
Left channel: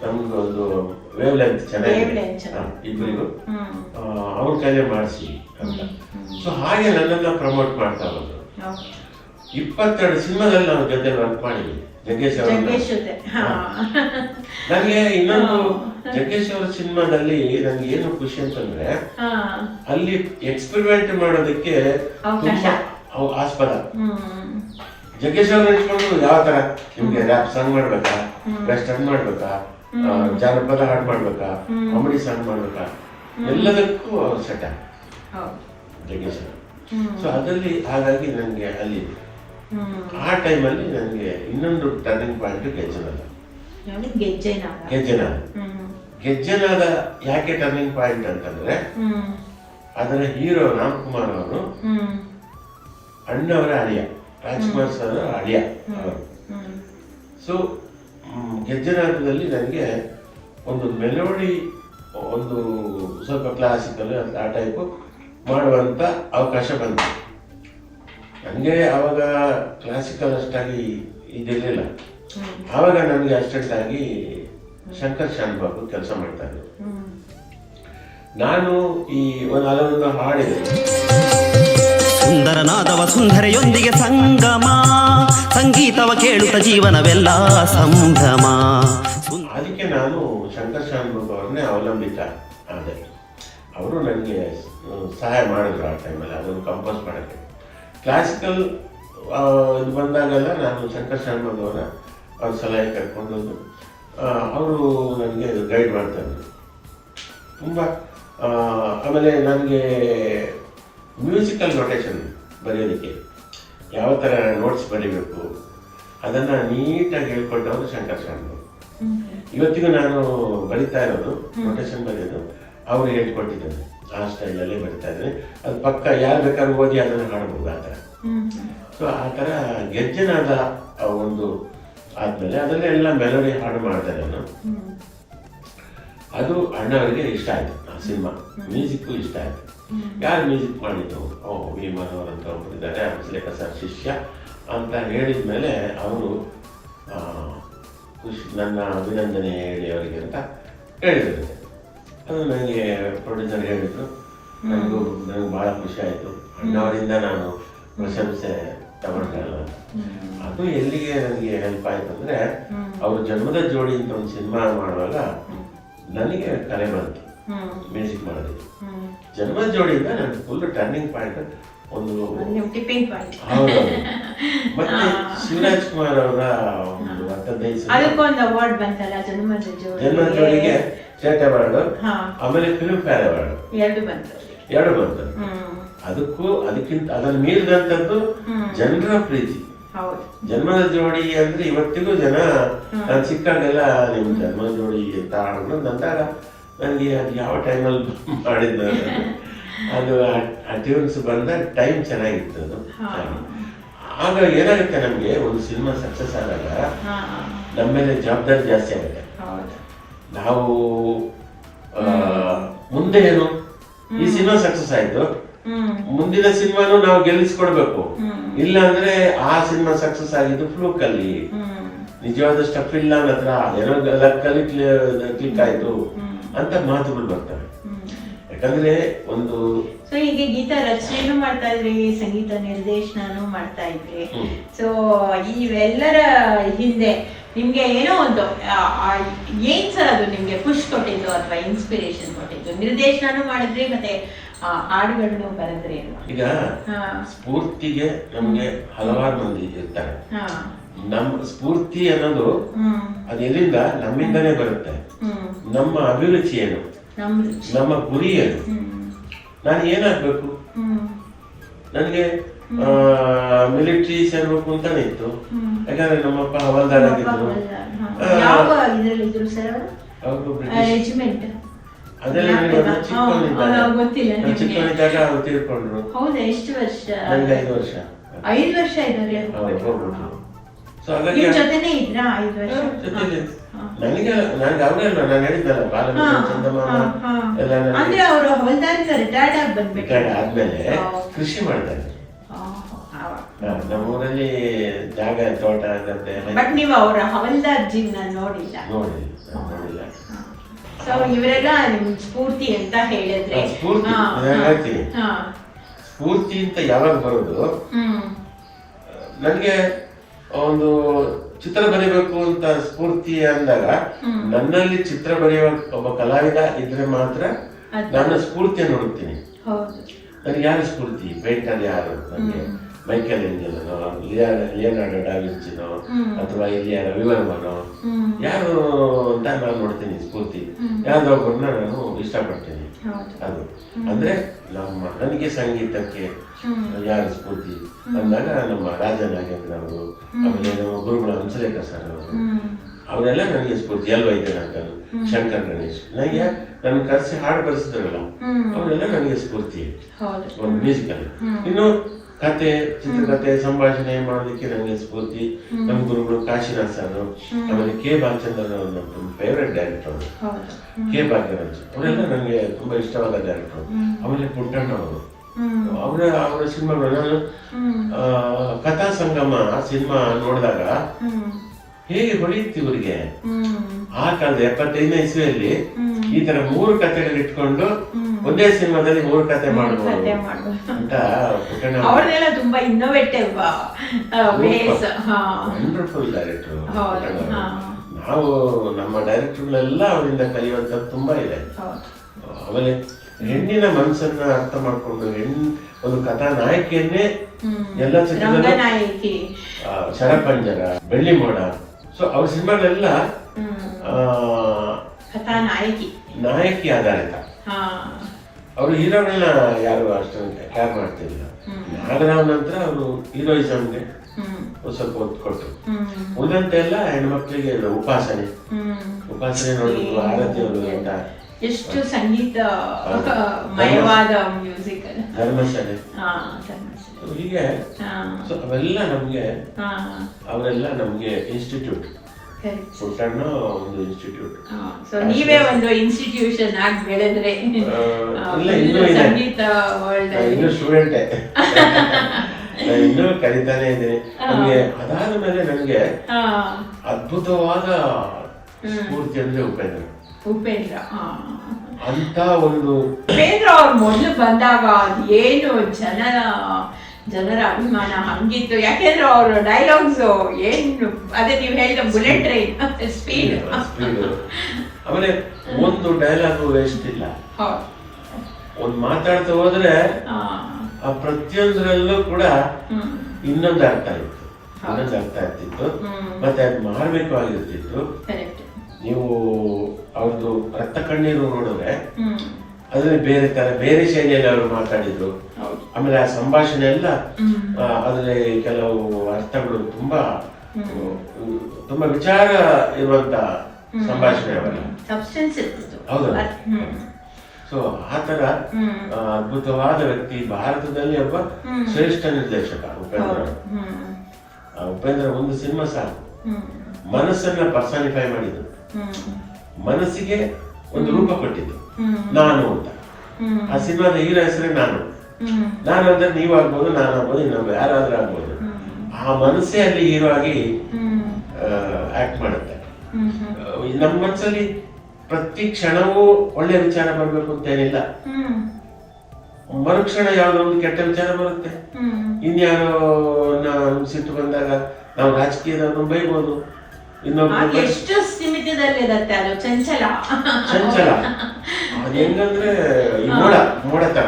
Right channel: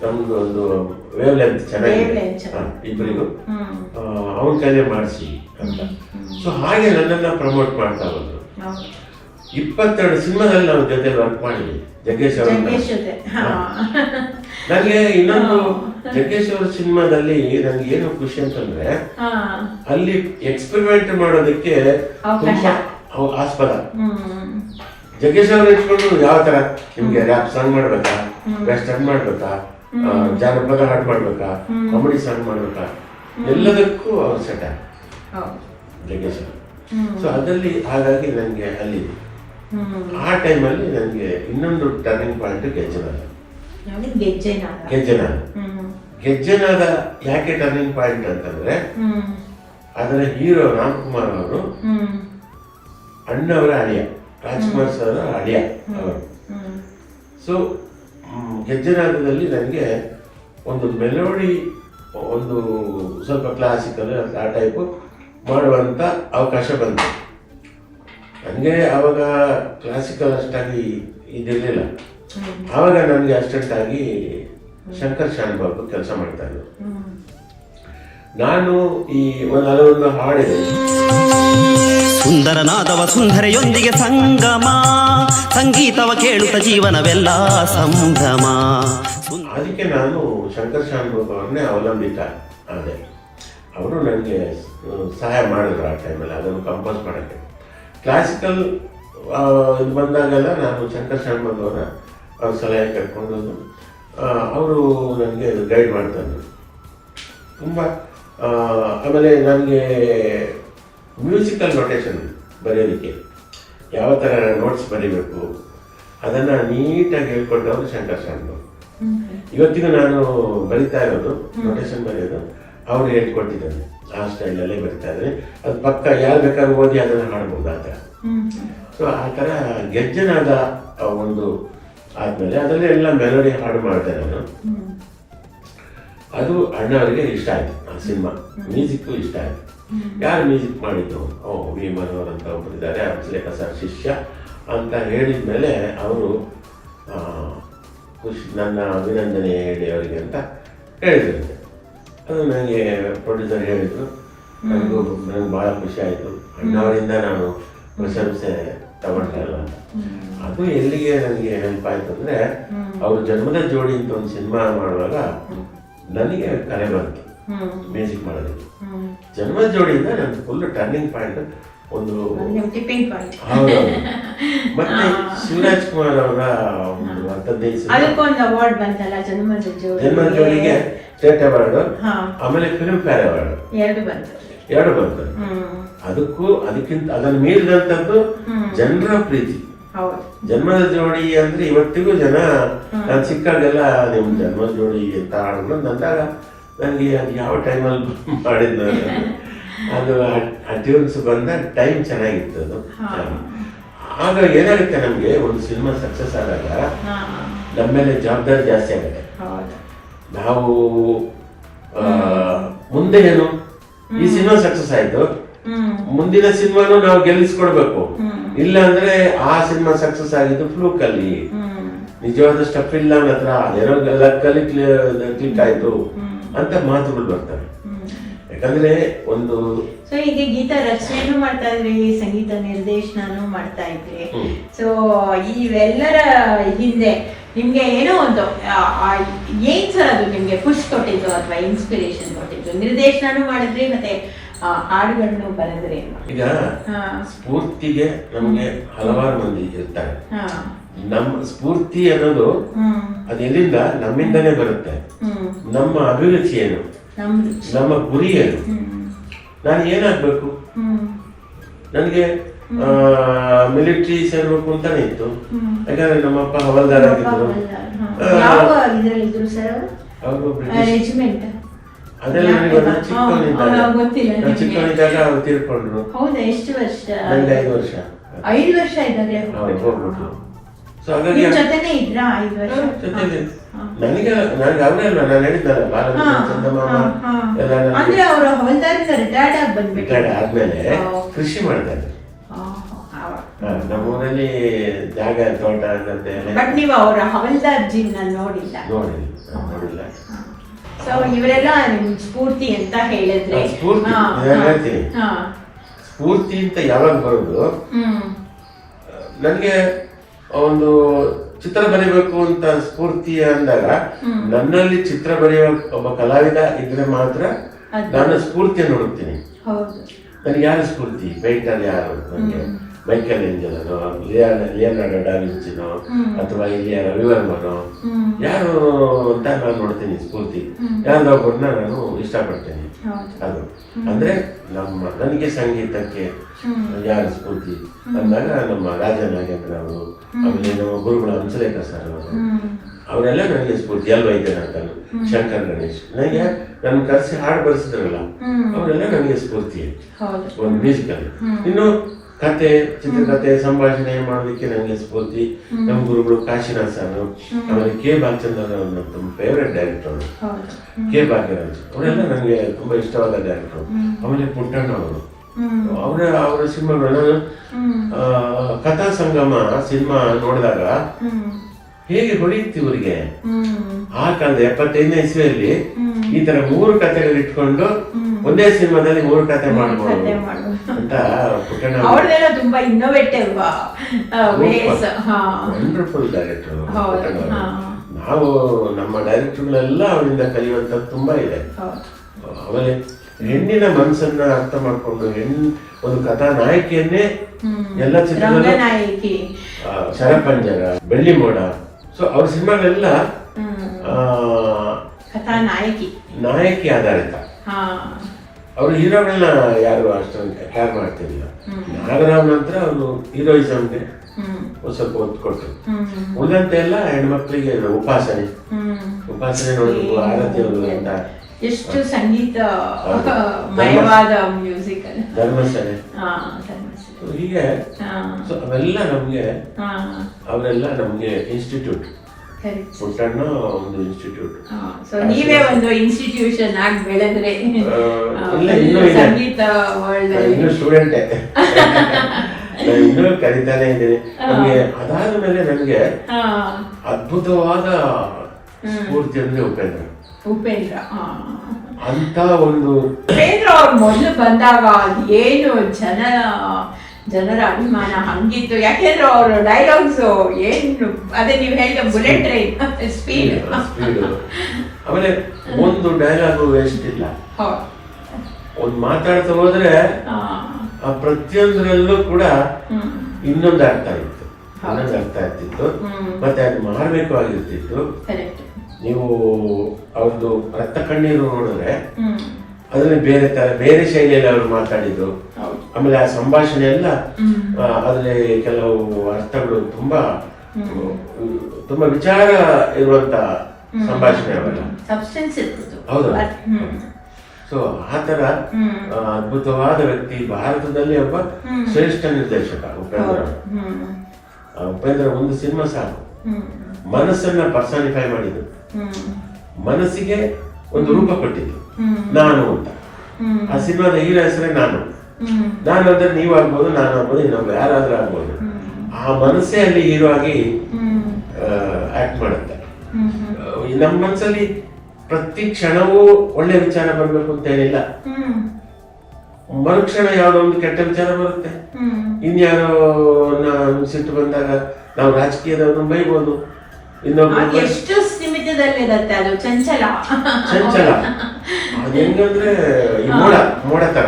ನಮ್ದು ಒಂದು ವೇವ್ ಲೆಂತ್ ಚೆನ್ನಾಗಿದೆ ಇಬ್ಬರಿಗೂ, ಅವನ ಕೈಲೇ ಮಾಡಿಸಿ ಅಂತ. ಸೊ ಹಾಗೆ ನನ್ನನ್ನ ಪ್ರಮೋಟ್ ಮಾಡ್ತಾ ಬಂದ್ರು. 22 ಸಿನಿಮಾದಲ್ಲಿ ನಾವು ಜೊತೆ ವರ್ಕ್ ಮಾಡಿದ್ವಿ ಜಗ್ಗೇಶ್ ಅವರು. ನನಗೆ ಇನ್ನೊಂದು ಜಗ್ಗೇಶ್ ಅವ್ರ ಸಿನಿಮಾದಲ್ಲಿ ನನ್ಗೆ ಏನು ಖುಷಿ ಅಂತಂದ್ರೆ ಅಲ್ಲಿ ಎಕ್ಸ್ಪೆರಿಮೆಂಟ್ ಮಾಡೋದಕ್ಕೆ ತುಂಬಾ ಆಸ್ಪದ. ಜಗ್ಗೇಶ್ ಅವ್ರು ಇಟ್ಕೊಂಡು ಯಾವ ತರ ನಿಮ್ಗೆ ರ್ಯಾಪ್ ಸಾಂಗ್ ಮಾಡ್ಬೇಕಾ, ವೆಸ್ಟರ್ನ್ ಮಾಡ್ಬೇಕಾ, ಜಾನಪದ ಹಾಡು ಮಾಡ್ಬೇಕಾ, ಕಾಮಿಡಿ ಸಾಂಗ್ ಮಾಡ್ಬೇಕಾ, ಎಲ್ಲದಕ್ಕೂ ಅವ್ರು ಸೆಟ್ ಜಗ್ಗೇಶ್ ಅವರು. ಸೊ ಅದರಲ್ಲಿ ಹಾಗಾಗಿ ನನಗೆ ಅಲ್ಲಿ ಆ ಟೈಮಲ್ಲಿ ನನಗೆ ಇನ್ನೊಂದು ಟರ್ನಿಂಗ್ ಪಾಯಿಂಟ್ ಗೆಜ್ಜೆನಾದ. ಯಾಕೆ ಟರ್ನಿಂಗ್ ಪಾಯಿಂಟ್ ಅಂತಂದ್ರೆ ಅದರ ಹೀರೋ ರಾಮ್ಕುಮಾರ್ ಅವರು ಅಣ್ಣವರ ಅಳಿಯ, ರಾಜ್ಕುಮಾರ್ ಸರ್ ಅಳಿಯ ಅವರು. ಸೊ ಗೆಜ್ಜೆನಾದದಲ್ಲಿ ನನಗೆ ಒಂದು ಮೆಲೋಡಿ, ಒಂದು ಸ್ವಲ್ಪ ಕ್ಲಾಸಿಕಲ್ ಆ ಟೈಪು ಮಾಡುವಂಥ ಅವಕಾಶ ಬಂತು. ನನಗೆ ಆವಾಗ ಕ್ಲಾಸಿಕಲ್ ಅಷ್ಟಾಗಿ ಇದಿರಲಿಲ್ಲ. ಆವಾಗ ನನಗೆ ಅಸಿಸ್ಟೆಂಟ್ ಆಗಿ ಶಂಕರ್ ಶಾನ್ ಬಾಬು ಕೆಲಸ ಮಾಡ್ತಾ ಇದ್ರು. ನಾನು ಈ ಒಂದು ಹಲವೊಂದು ಹಾಡಿದೆ. ಅದಕ್ಕೆ ನಾನು ಶಂಕರ್ ಶಾನ್ ಬಾಬು ಅವ್ರನ್ನೇ ಅವಲಂಬಿತ ಆದೆ. ಅವರು ನನಗೆ ಸಹಾಯ ಮಾಡಿದ್ರು ಆ ಟೈಮಲ್ಲಿ ಅದನ್ನು ಕಂಪೋಸ್ ಮಾಡೋಕ್ಕೆ. ಕ್ಲಾಸಿಕಲ್ ಇದು ಬಂದಾಗೆಲ್ಲ ನಾನು ಶಂಕರ್ ಶಾನ್ ಬಾಬು ಅವ್ರ ಸಲಹೆ ಕರ್ಕೊಂಡು ಅವರು ನನಗೆ ಗೈಡ್ ಮಾಡ್ತಾಯಿದ್ರು ತುಂಬ. ಆಮೇಲೆ ನನಗೆ ಮ್ಯೂಸಿಕಲ್ ನೊಟೇಷನ್ ಬರೆಯೋದಕ್ಕೆ ಯಾವ ಥರ ನೋಟ್ಸ್ ಬರೀಬೇಕು ಅದನ್ನು ನೀಟಾಗಿ ಹೇಳ್ಕೊಟ್ಟವರು ಶಂಕರ್ ಶಾನ್ ಬಾಬು. ಇವತ್ತಿಗೂ ನಾನು ಬರಿತಾ ಇರೋದು ನೊಟೇಷನ್ ಬರೆಯೋದು ಅವ್ರು ಹೇಳ್ಕೊಟ್ಟಿದ್ದಾರೆ. ಆ ಸ್ಟೈಲಲ್ಲೇ ಬರ್ತಾ ಇದ್ದಾರೆ. ಅದು ಪಕ್ಕ ಯಾರು ಬೇಕಾದ್ರೂ ಓದಿ ಅದನ್ನು ಹಾಡ್ಬೋದು ಆ ಥರ. ಸೊ ಆ ಥರ ಗೆಜ್ಜೆನಾದ ಒಂದು ಆದಮೇಲೆ ಅದರಲ್ಲಿ ಎಲ್ಲ ಮೆಲೋಡಿ ಹಾಡು ಮಾಡ್ತಾರೆ ನಾನು. ಅದು ಅಣ್ಣ ಅವರಿಗೆ ಇಷ್ಟ ಆಯಿತು. ಆ ಸಿನಿಮಾ ಮ್ಯೂಸಿಕ್ಕು ಇಷ್ಟ ಆಯಿತು. ಯಾರು ಮ್ಯೂಸಿಕ್ ಮಾಡಿದ್ದು? ವಿ ಮನೋಹರ್ ಅಂತ ಒಬ್ಬರು ಇದ್ದಾರೆ, ಹಂಸಲೇಖ ಸರ್ ಶಿಷ್ಯ ಅಂತ ಹೇಳಿದ ಮೇಲೆ ಅವರು ಖುಷಿ, ನನ್ನ ಅಭಿನಂದನೆ ಹೇಳಿ ಅವರಿಗೆ ಅಂತ ಹೇಳಿದ್ರು. ಅದು ನನಗೆ ಪ್ರೊಡ್ಯೂಸರ್ ಹೇಳಿದರು. ನನಗೆ ಭಾಳ ಖುಷಿ ಆಯಿತು. ಅಣ್ಣವರಿಂದ ನಾನು ಪ್ರಶಂಸೆ ತಗೊಂಡಲ್ಲ. ಅದು ಎಲ್ಲಿಗೆ ನನಗೆ ಹೆಲ್ಪ್ ಆಯಿತು ಅಂದರೆ, ಅವ್ರ ಜನ್ಮದ ಜೋಡಿ ಅಂತ ಒಂದು ಸಿನಿಮಾ ಮಾಡುವಾಗ ನನಗೆ ಕಲೆ ಬಂತು ಮ್ಯೂಸಿಕ್ ಮಾಡೋದು. ಜನ್ಮದ ಜೋಡಿಯಿಂದ ನನಗೆ ಫುಲ್ ಟರ್ನಿಂಗ್ ಪಾಯಿಂಟ್ ಒಂದು. ಹೌದು. ಮತ್ತೆ ಶಿವರಾಜ್ ಕುಮಾರ್ ಅವರ ಒಂದು 15 ಅವಾರ್ಡ್ ಬಂತಲ್ಲ ಜನ್ಮದ ಜೋಡಿಗೆ ಸ್ಟೇಟ್ ಅವಾರ್ಡ್, ಆಮೇಲೆ ಫಿಲ್ಮ್ ಫೇರ್ ಅವಾರ್ಡ್ ಎರಡು ಬಂತು. ಅದಕ್ಕಿಂತ ಅದನ್ನು ಮೀರಿದಂಥದ್ದು ಜನರ ಪ್ರೀತಿ. ಜನ್ಮದ ಜೋಡಿ ಅಂದ್ರೆ ಇವತ್ತಿಗೂ ಜನ ನಾನು ಸಿಕ್ಕಾಗೆಲ್ಲ ನಿಮ್ಮ ಜನ್ಮದ ಜೋಡಿ ಅಂತ ಆಡಿದ್ರು ಅಂದಾಗ ನನಗೆ ಅದು ಯಾವ ಟೈಮಲ್ಲಿ ಮಾಡಿದ್ದು ಅದು ಆ ಟ್ಯೂನ್ಸ್ ಬಂದಾಗ ಟೈಮ್ ಚೆನ್ನಾಗಿತ್ತು. ಅದು ಆಗ ಏನಾಗುತ್ತೆ, ನಮಗೆ ಒಂದು ಸಿನಿಮಾ ಸಕ್ಸಸ್ ಆದಾಗ ನಮ್ಮ ಮೇಲೆ ಜವಾಬ್ದಾರಿ ಜಾಸ್ತಿ ಆಗುತ್ತೆ. ನಾವು ಮುಂದೆ ಏನು, ಈ ಸಿನಿಮಾ ಸಕ್ಸಸ್ ಆಯ್ತು, ಮುಂದಿನ ಸಿನಿಮಾನು ನಾವು ಗೆಲ್ಲಿಸ್ಕೊಡ್ಬೇಕು. ಇಲ್ಲ ಅಂದ್ರೆ ಆ ಸಿನಿಮಾ ಸಕ್ಸಸ್ ಆಗಿದ್ದು ಫ್ಲೂಕ್ ಅಲ್ಲಿ, ನಿಜವಾದ ಸ್ಟಫ್ ಇಲ್ಲ ನನ್ನ ಹತ್ರ, ಏನೋ ಲಕ್ಕಲ್ಲಿ ಕ್ಲಿಕ್ ಆಯ್ತು ಅಂತ ಮಾತುಗಳು ಬರ್ತವೆ. ಯಾಕಂದ್ರೆ ಒಂದು ಈಗ ಗೀತ ರಚನೆನೂ ಮಾಡ್ತಾ ಇದ್ರಿ, ಸಂಗೀತ ನಿರ್ದೇಶನನೂ ಮಾಡ್ತಾ ಇದ್ರಿ. ಸೊ ಇವೆಲ್ಲರ ಹಿಂದೆ ನಿಮ್ಗೆ ಏನೋ ಒಂದು ಏನ್ ಸರ್ ಅದು ನಿಮ್ಗೆ ಖುಷಿ ಕೊಟ್ಟಿದ್ದು ಅಥವಾ ಇನ್ಸ್ಪಿರೇಷನ್ ಕೊಟ್ಟಿದ್ದು? ನಿರ್ದೇಶನನೂ ಮಾಡಿದ್ರಿ, ಮತ್ತೆ ಹಾಡುಗಳನ್ನು ಬರೆದ್ರಿ. ಈಗ ಸ್ಫೂರ್ತಿಗೆ ನಮ್ಗೆ ಹಲವಾರು ಮಂದಿ ಇರ್ತಾರೆ. ನಮ್ಮ ಸ್ಫೂರ್ತಿ ಅನ್ನೋದು ಅದು ಎಲ್ಲಿಂದ? ನಮ್ಮಿಂದನೇ ಬರುತ್ತೆ. ನಮ್ಮ ಅಭಿರುಚಿ ಏನು, ನಮ್ಮ ಗುರಿ ಏನು, ನಾನು ಏನಾಗ್ಬೇಕು, ನನಗೆ ಮಿಲಿಟರಿ ಸೇರ್ಬೇಕು ಅಂತಾನೆ ಇತ್ತು. ಯಾಕಂದ್ರೆ ನಮ್ಮಪ್ಪ ಹವಲ್ದಾರ್ ಆಗಿದ್ರು. ಅವರು ಬ್ರಿಟಿಷ್. ಅದೆಲ್ಲ ಚಿಕ್ಕವನಿದ್ದಾಗ ಅವ್ರು ತೀರ್ಕೊಂಡ್ರು. ನನಗೆ 5 ವರ್ಷ. 5 ವರ್ಷ ಇದ್ದಾಗೆ ಹೋಗ್ಬಿಟ್ರು. ಸೊ ಹಾಗಾಗಿ ನನಗೆ ಅವರಲ್ಲ, ನಾನು ಹೇಳಿದ್ದಲ್ಲ ರಿಟೈರ್ಡ್ ಆದ್ಮೇಲೆ ಕೃಷಿ ಮಾಡ್ತಾರೆ. ನಮ್ಮೂರಲ್ಲಿ ಜಾಗ ತೋಟ ಬಟ್ ನೀವು ಅವರ ಹವಲ್ದಾರ್ಜಿನ ನೋಡಿಲ್ಲ. ಸೊ ಇವರೆಲ್ಲ ನಿಮ್ ಸ್ಫೂರ್ತಿ ಅಂತ ಹೇಳಿದ್ರೆ, ಸ್ಫೂರ್ತಿ ಅಂತ ಯಾವಾಗ ಬರೋದು, ನನಗೆ ಒಂದು ಚಿತ್ರ ಬರೀಬೇಕು ಅಂತ ಸ್ಫೂರ್ತಿ ಅಂದಾಗ ನನ್ನಲ್ಲಿ ಚಿತ್ರ ಬರೆಯುವ ಒಬ್ಬ ಕಲಾವಿದ ಇದ್ರೆ ಮಾತ್ರ ನಾನು ಸ್ಫೂರ್ತಿಯನ್ನು ನೋಡುತ್ತೀನಿ. ನನಗೆ ಯಾರು ಸ್ಫೂರ್ತಿ? ಬೈಕಲ್ಲಿ ಯಾರು? ನನಗೆ ಬೈಕಲ್ಲಿ ಏಂಜಲನೋ, ಲಿಯೋನಾರ್ಡೋ ಡಾ ವಿಂಚಿನೋ, ಅಥವಾ ಇಲ್ಲಿ ರವಿವರ್ಮನೋ ಯಾರು ಅಂತ ನಾನು ನೋಡ್ತೀನಿ ಸ್ಫೂರ್ತಿ. ಯಾರೊಬ್ಬರನ್ನ ನಾನು ಇಷ್ಟಪಡ್ತೇನೆ. ಅದು ಅಂದ್ರೆ ನನಗೆ ಸಂಗೀತಕ್ಕೆ ಯಾರು ಸ್ಫೂರ್ತಿ ಅಂದಾಗ ನಮ್ಮ ರಾಜನಾಗೇಂದ್ರ ಅವರು, ಆಮೇಲೆ ನಮ್ಮ ಗುರುಗಳು ಹಂಸಲೇಖ ಸರ್ ಅವರು, ಅವರೆಲ್ಲ ನನಗೆ ಸ್ಫೂರ್ತಿ. ವೈದ್ಯನಾಥ್, ಶಂಕರ್ ಗಣೇಶ್, ನನಗೆ ನನ್ನ ಕರೆಸಿ ಹಾಡು ಬರೆಸಿದ್ರಲ್ಲ ಅವರೆಲ್ಲ ನನಗೆ ಸ್ಫೂರ್ತಿ ಒಂದು ಮ್ಯೂಸಿಕಲ್ಲಿ. ಇನ್ನು ಕತೆ, ಚಿತ್ರಕಥೆ, ಸಂಭಾಷಣೆ ಮಾಡೋದಕ್ಕೆ ನನಗೆ ಸ್ಫೂರ್ತಿ ನಮ್ಮ ಗುರುಗಳು ಕಾಶಿನಾಥ್ ಸರ್, ಆಮೇಲೆ ಕೆ ಬಾಲಚಂದ್ರ ನಮ್ಮ ಫೇವ್ರೆಟ್ ಡೈರೆಕ್ಟರ್ ಕೆ ಭಾಗ್ಯರಾಜ್, ಅವರೆಲ್ಲ ನನಗೆ ತುಂಬಾ ಇಷ್ಟವಾದ ಡೈರೆಕ್ಟರ್. ಆಮೇಲೆ ಪುಟ್ಟಣ್ಣ ಅವರ ಸಿನಿಮಾಗಳು ಕಥಾ ಸಂಗಮ ಸಿನಿಮಾ ನೋಡಿದಾಗ ಹೇಗೆ ಹೊಡೆಯುತ್ತೆ ಇವರಿಗೆ. ಆ ಕಾಲದ 75ನೇ ಇಸ್ವಿಯಲ್ಲಿ ಈ ತರ 3 ಕಥೆಗಳು ಇಟ್ಕೊಂಡು ಒಂದೇ ಸಿನಿಮಾದಲ್ಲಿ 3 ಕಥೆ ಮಾಡ್ಬೋದು ಅಂತ ಪುಟ್ಟಣ್ಣ ಅವ್ರದೆಲ್ಲ ತುಂಬಾ ಇನ್ನೋವೇಟಿವ್ ವಂಡರ್ಫುಲ್ ಡೈರೆಕ್ಟರ್ ಪುಟ್ಟಣ್ಣ. ನಾವು ನಮ್ಮ ಡೈರೆಕ್ಟರ್ಗಳೆಲ್ಲ ಅವರಿಂದ ಕಲಿಯುವಂಥದ್ದು ತುಂಬಾ ಇದೆ. ಆಮೇಲೆ ಹೆಣ್ಣಿನ ಮನಸ್ಸನ್ನ ಅರ್ಥ ಮಾಡ್ಕೊಂಡು ಒಂದು ಕಥಾ ನಾಯಕಿಯನ್ನೇ ಎಲ್ಲ ಚಿತ್ರದಲ್ಲೂ ಶರಪಂಜರ, ಬೆಳ್ಳಿ ಮೋಡ, ಸೊ ಅವ್ರ ಸಿನಿಮಾಗಳೆಲ್ಲ ಕಥಾ ನಾಯಕಿ ಆಧಾರಿತ. ಅವ್ರು ಹೀರೋಗಳನ್ನ ಯಾರು ಅಷ್ಟೊಂದು ಕ್ಯಾರ್ ಮಾಡ್ತಿರ್ಲಿಲ್ಲ. ನಾಗರಾವ್ ನಂತರ ಅವರು ಹೀರೋಯಿಸಮ್ಗೆ ಒಂದ್ ಸ್ವಲ್ಪ ಒತ್ತು ಕೊಟ್ಟರು. ಉಳಿದಂತೆ ಎಲ್ಲ ಹೆಣ್ಮಕ್ಳಿಗೆ ಉಪಾಸನೆ ನೋಡಬೇಕು, ಆರತಿ ಅಂತ ಎಷ್ಟು ಸಂಗೀತ ಮಯವಾದ ಮ್ಯೂಸಿಕ್, ಧರ್ಮಸ್ಥಳ, ಹೀಗೆ ಅವೆಲ್ಲ ನಮ್ಗೆ ಅವರೆಲ್ಲ ನಮ್ಗೆ ಇನ್ಸ್ಟಿಟ್ಯೂಟ್. ಪುಟ್ಟಣ್ಣ ಒಂದು ಇನ್ಸ್ಟಿಟ್ಯೂಟ್. ನೀವೇ ಒಂದು ಇನ್ಸ್ಟಿಟ್ಯೂಷನ್ ಆಗಿ ಬೆಳೆದ್ರೆ ಸಂಗೀತ ವರ್ಲ್ಡ್ ಇನ್ನು ಸ್ಟೂಡೆಂಟೇ, ಇನ್ನೂ ಕಲಿತಾನೆ ಇದ್ದೀನಿ. ನಮ್ಗೆ ಅದಾದ ಮೇಲೆ ನನಗೆ ಅದ್ಭುತವಾದ ಸ್ಫೂರ್ತಿ ಅಂದ್ರೆ ಉಪೇಂದ್ರ ಅಂತ ಒಂದು. ಉಪೇಂದ್ರ ಅವ್ರು ಮೊದಲು ಬಂದಾಗ ಏನು ಜನರ ಅಭಿಮಾನ ಹಂಗಿತ್ತು. ಯಾಕೆಂದ್ರೆ ಅವ್ರ ಡೈಲಾಗ್ಸ್ ಏನು ಅದೇ ನೀವು ಹೇಳಿದ ಬುಲೆಟ್ ಟ್ರೈನ್ ಸ್ಪೀಡ್. ಆಮೇಲೆ ಒಂದು ಡೈಲಾಗು ವೇಸ್ಟ್ ಇಲ್ಲ. ಒಂದು ಮಾತಾಡ್ತಾ ಹೋದ್ರೆ ಪ್ರತಿಯೊಂದರಲ್ಲೂ ಕೂಡ ಇನ್ನೊಂದು ಅರ್ಥ ಇರ್ತಿತ್ತು, ಮತ್ತೆ ಅದು ಮಾರ್ಮಿಕವಾಗಿರ್ತಿತ್ತು. ನೀವು ಅವ್ರದ್ದು ರಕ್ತ ಕಣ್ಣೀರು ನೋಡಿದ್ರೆ ಅದರಲ್ಲಿ ಬೇರೆ ಶೈಲಿಯಲ್ಲಿ ಅವರು ಮಾತಾಡಿದ್ರು. ಆಮೇಲೆ ಆ ಸಂಭಾಷಣೆ ಎಲ್ಲ ಅದ್ರಲ್ಲಿ ಕೆಲವು ಅರ್ಥಗಳು ತುಂಬಾ ವಿಚಾರ ಇರುವಂತ ಸಂಭಾಷಣೆ ಅವೆಲ್ಲ. ಹೌದು. ಸೊ ಆತರ ಅದ್ಭುತವಾದ ವ್ಯಕ್ತಿ, ಭಾರತದಲ್ಲಿ ಒಬ್ಬ ಶ್ರೇಷ್ಠ ನಿರ್ದೇಶಕ ಉಪೇಂದ್ರ. ಒಂದು ಸಿನಿಮಾ ಸಾಕು, ಮನಸ್ಸನ್ನ ಪರ್ಸಾನಿಫೈ ಮಾಡಿದ್ರು, ಮನಸ್ಸಿಗೆ ಒಂದು ರೂಪ ಕೊಟ್ಟಿದ್ದು, ನಾನು ಅಂತ. ಆ ಸಿನಿಮಾದ ಹೀರೋ ಹೆಸರೇ ನಾನು ಅಂದ್ರೆ ನೀವಾಗ್ಬೋದು, ನಾನಾಗ್ಬೋದು, ಇನ್ನೊಬ್ಬ ಯಾರಾದ್ರೂ ಆಗ್ಬೋದು. ಆ ಮನಸ್ಸೇ ಅಲ್ಲಿ ಹೀರೋ ಆಗಿ ಆಕ್ಟ್ ಮಾಡುತ್ತೆ. ನಮ್ಮ ಮನಸ್ಸಲ್ಲಿ ಪ್ರತಿ ಕ್ಷಣವೂ ಒಳ್ಳೆ ವಿಚಾರ ಬರ್ಬೇಕು ಅಂತ ಏನಿಲ್ಲ. ಮರುಕ್ಷಣ ಯಾವ್ದೋ ಒಂದು ಕೆಟ್ಟ ವಿಚಾರ ಬರುತ್ತೆ. ಇನ್ಯಾರೋ ಸಿಟ್ಟು ಬಂದಾಗ ನಾವು ರಾಜಕೀಯದವ್ರನ್ನ ಬೈಬೋದು, ಎಷ್ಟು ಸೀಮಿತದಲ್ಲಿರುತ್ತೆ ಅದು. ಚಂಚಲ ಹೆಂಗಂದ್ರೆ ಮೋಡ ತರ,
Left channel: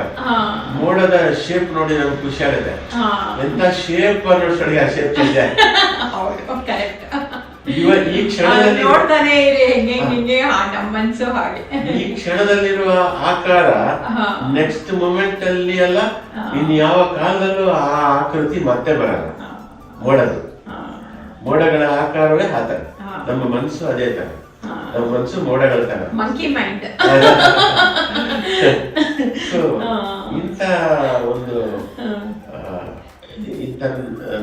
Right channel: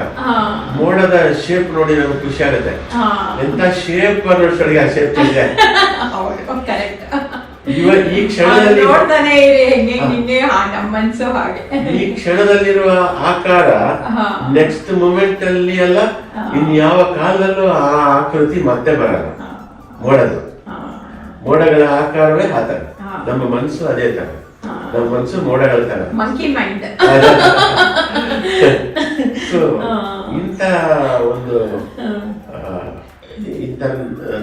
ಮೋಡದ ಶೇಪ್ ನೋಡಿ ನಮ್ಗೆ ಖುಷಿ ಆಗುತ್ತೆ. ಎಂತ ಶೇಪ್ ಅನ್ನೋಷ್ಟೊಳಗೆ ಆ ಶೇಪ್ ಚೇಂಜ್ ಆಯ್ತು. ಈ ಕ್ಷಣದಲ್ಲಿರುವ ಆಕಾರ ನೆಕ್ಸ್ಟ್ ಮೂಮೆಂಟ್ ಅಲ್ಲಿ ಅಲ್ಲ, ಇನ್ಯಾವ ಕಾಲದಲ್ಲೂ ಆ ಆಕೃತಿ ಮತ್ತೆ ಬರಲ್ಲ. ಮೋಡಗಳ ಆಕಾರವೇ ಆ ತರ, ನಮ್ಮ ಮನಸ್ಸು ಅದೇ ತರ. ನಮ್ಮ ಮನಸ್ಸು ಮೋಡಗಳ ತರ, ಮಂಕಿ ಮೈಂಡ್. ಇಂಥ ಒಂದು ಈ ತರ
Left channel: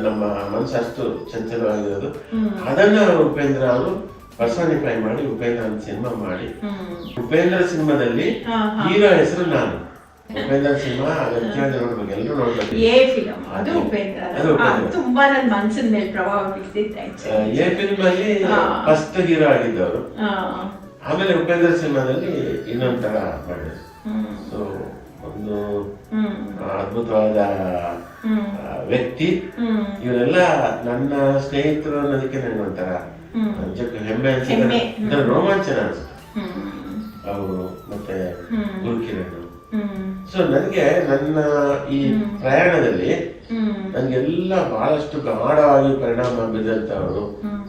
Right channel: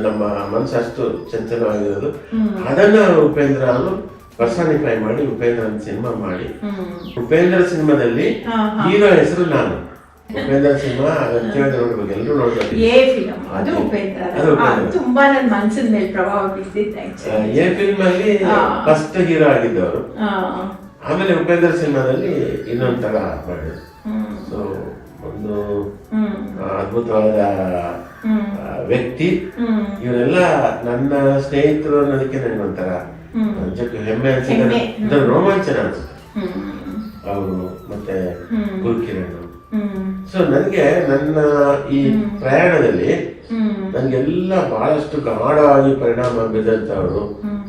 ನಮ್ಮ ಮನಸ್ಸು ಅಷ್ಟು ಚಂಚಲವಾಗಿರೋದು. ಅದನ್ನ ಉಪೇಂದ್ರ ಅವರು ಪರ್ಸಾನಿಫೈ ಮಾಡಿ ಉಪೇಂದ್ರ ಸಿನಿಮಾ ಮಾಡಿ, ಉಪೇಂದ್ರ ಸಿನಿಮಾದಲ್ಲಿ ಹೀರೋ ಹೆಸರು ನಾನು. ಉಪೇಂದ್ರ ಸಿನಿಮಾ ನೋಡ್ಬೇಕು, ಎಲ್ಲರೂ ನೋಡ್ಬೇಕು. ಎ ಫಿಲ್ಮ್ ಅಲ್ಲಿ ಫಸ್ಟ್ ಹೀರೋ ಆಗಿದ್ದವರು. ಆಮೇಲೆ ಉಪೇಂದ್ರ ಸಿನಿಮಾದಲ್ಲಿ ಇನ್ನೊಂದ್ ತರ ಮಾಡಿದ್ರು. ಸೊ ಒಂದು ಅದ್ಭುತವಾದ ವ್ಯಕ್ತಿ. ಇವರೆಲ್ಲ ನನ್ನ ಸ್ನೇಹಿತರು ಅನ್ನೋದಕ್ಕೆ ನನಗೆ ಒಂಥರ ಹೆಮ್ಮೆ ಅನ್ಸುತ್ತೆ, ರೋಮಾಂಚನ ಅನ್ಸುತ್ತೆ. ಅವರು ಮತ್ತೆ ಗುರುಕಿರಣ್. ಸೊ ನನಗೆ ನನ್ನ ಈ ಪ್ರಯಾಣದಲ್ಲಿ ನನ್ಗೆಲ್ಲ ಬಹಳಷ್ಟು ಗಾಢವಾಗಿ ಪರಿಣಾಮ ಬೀದಂತವರು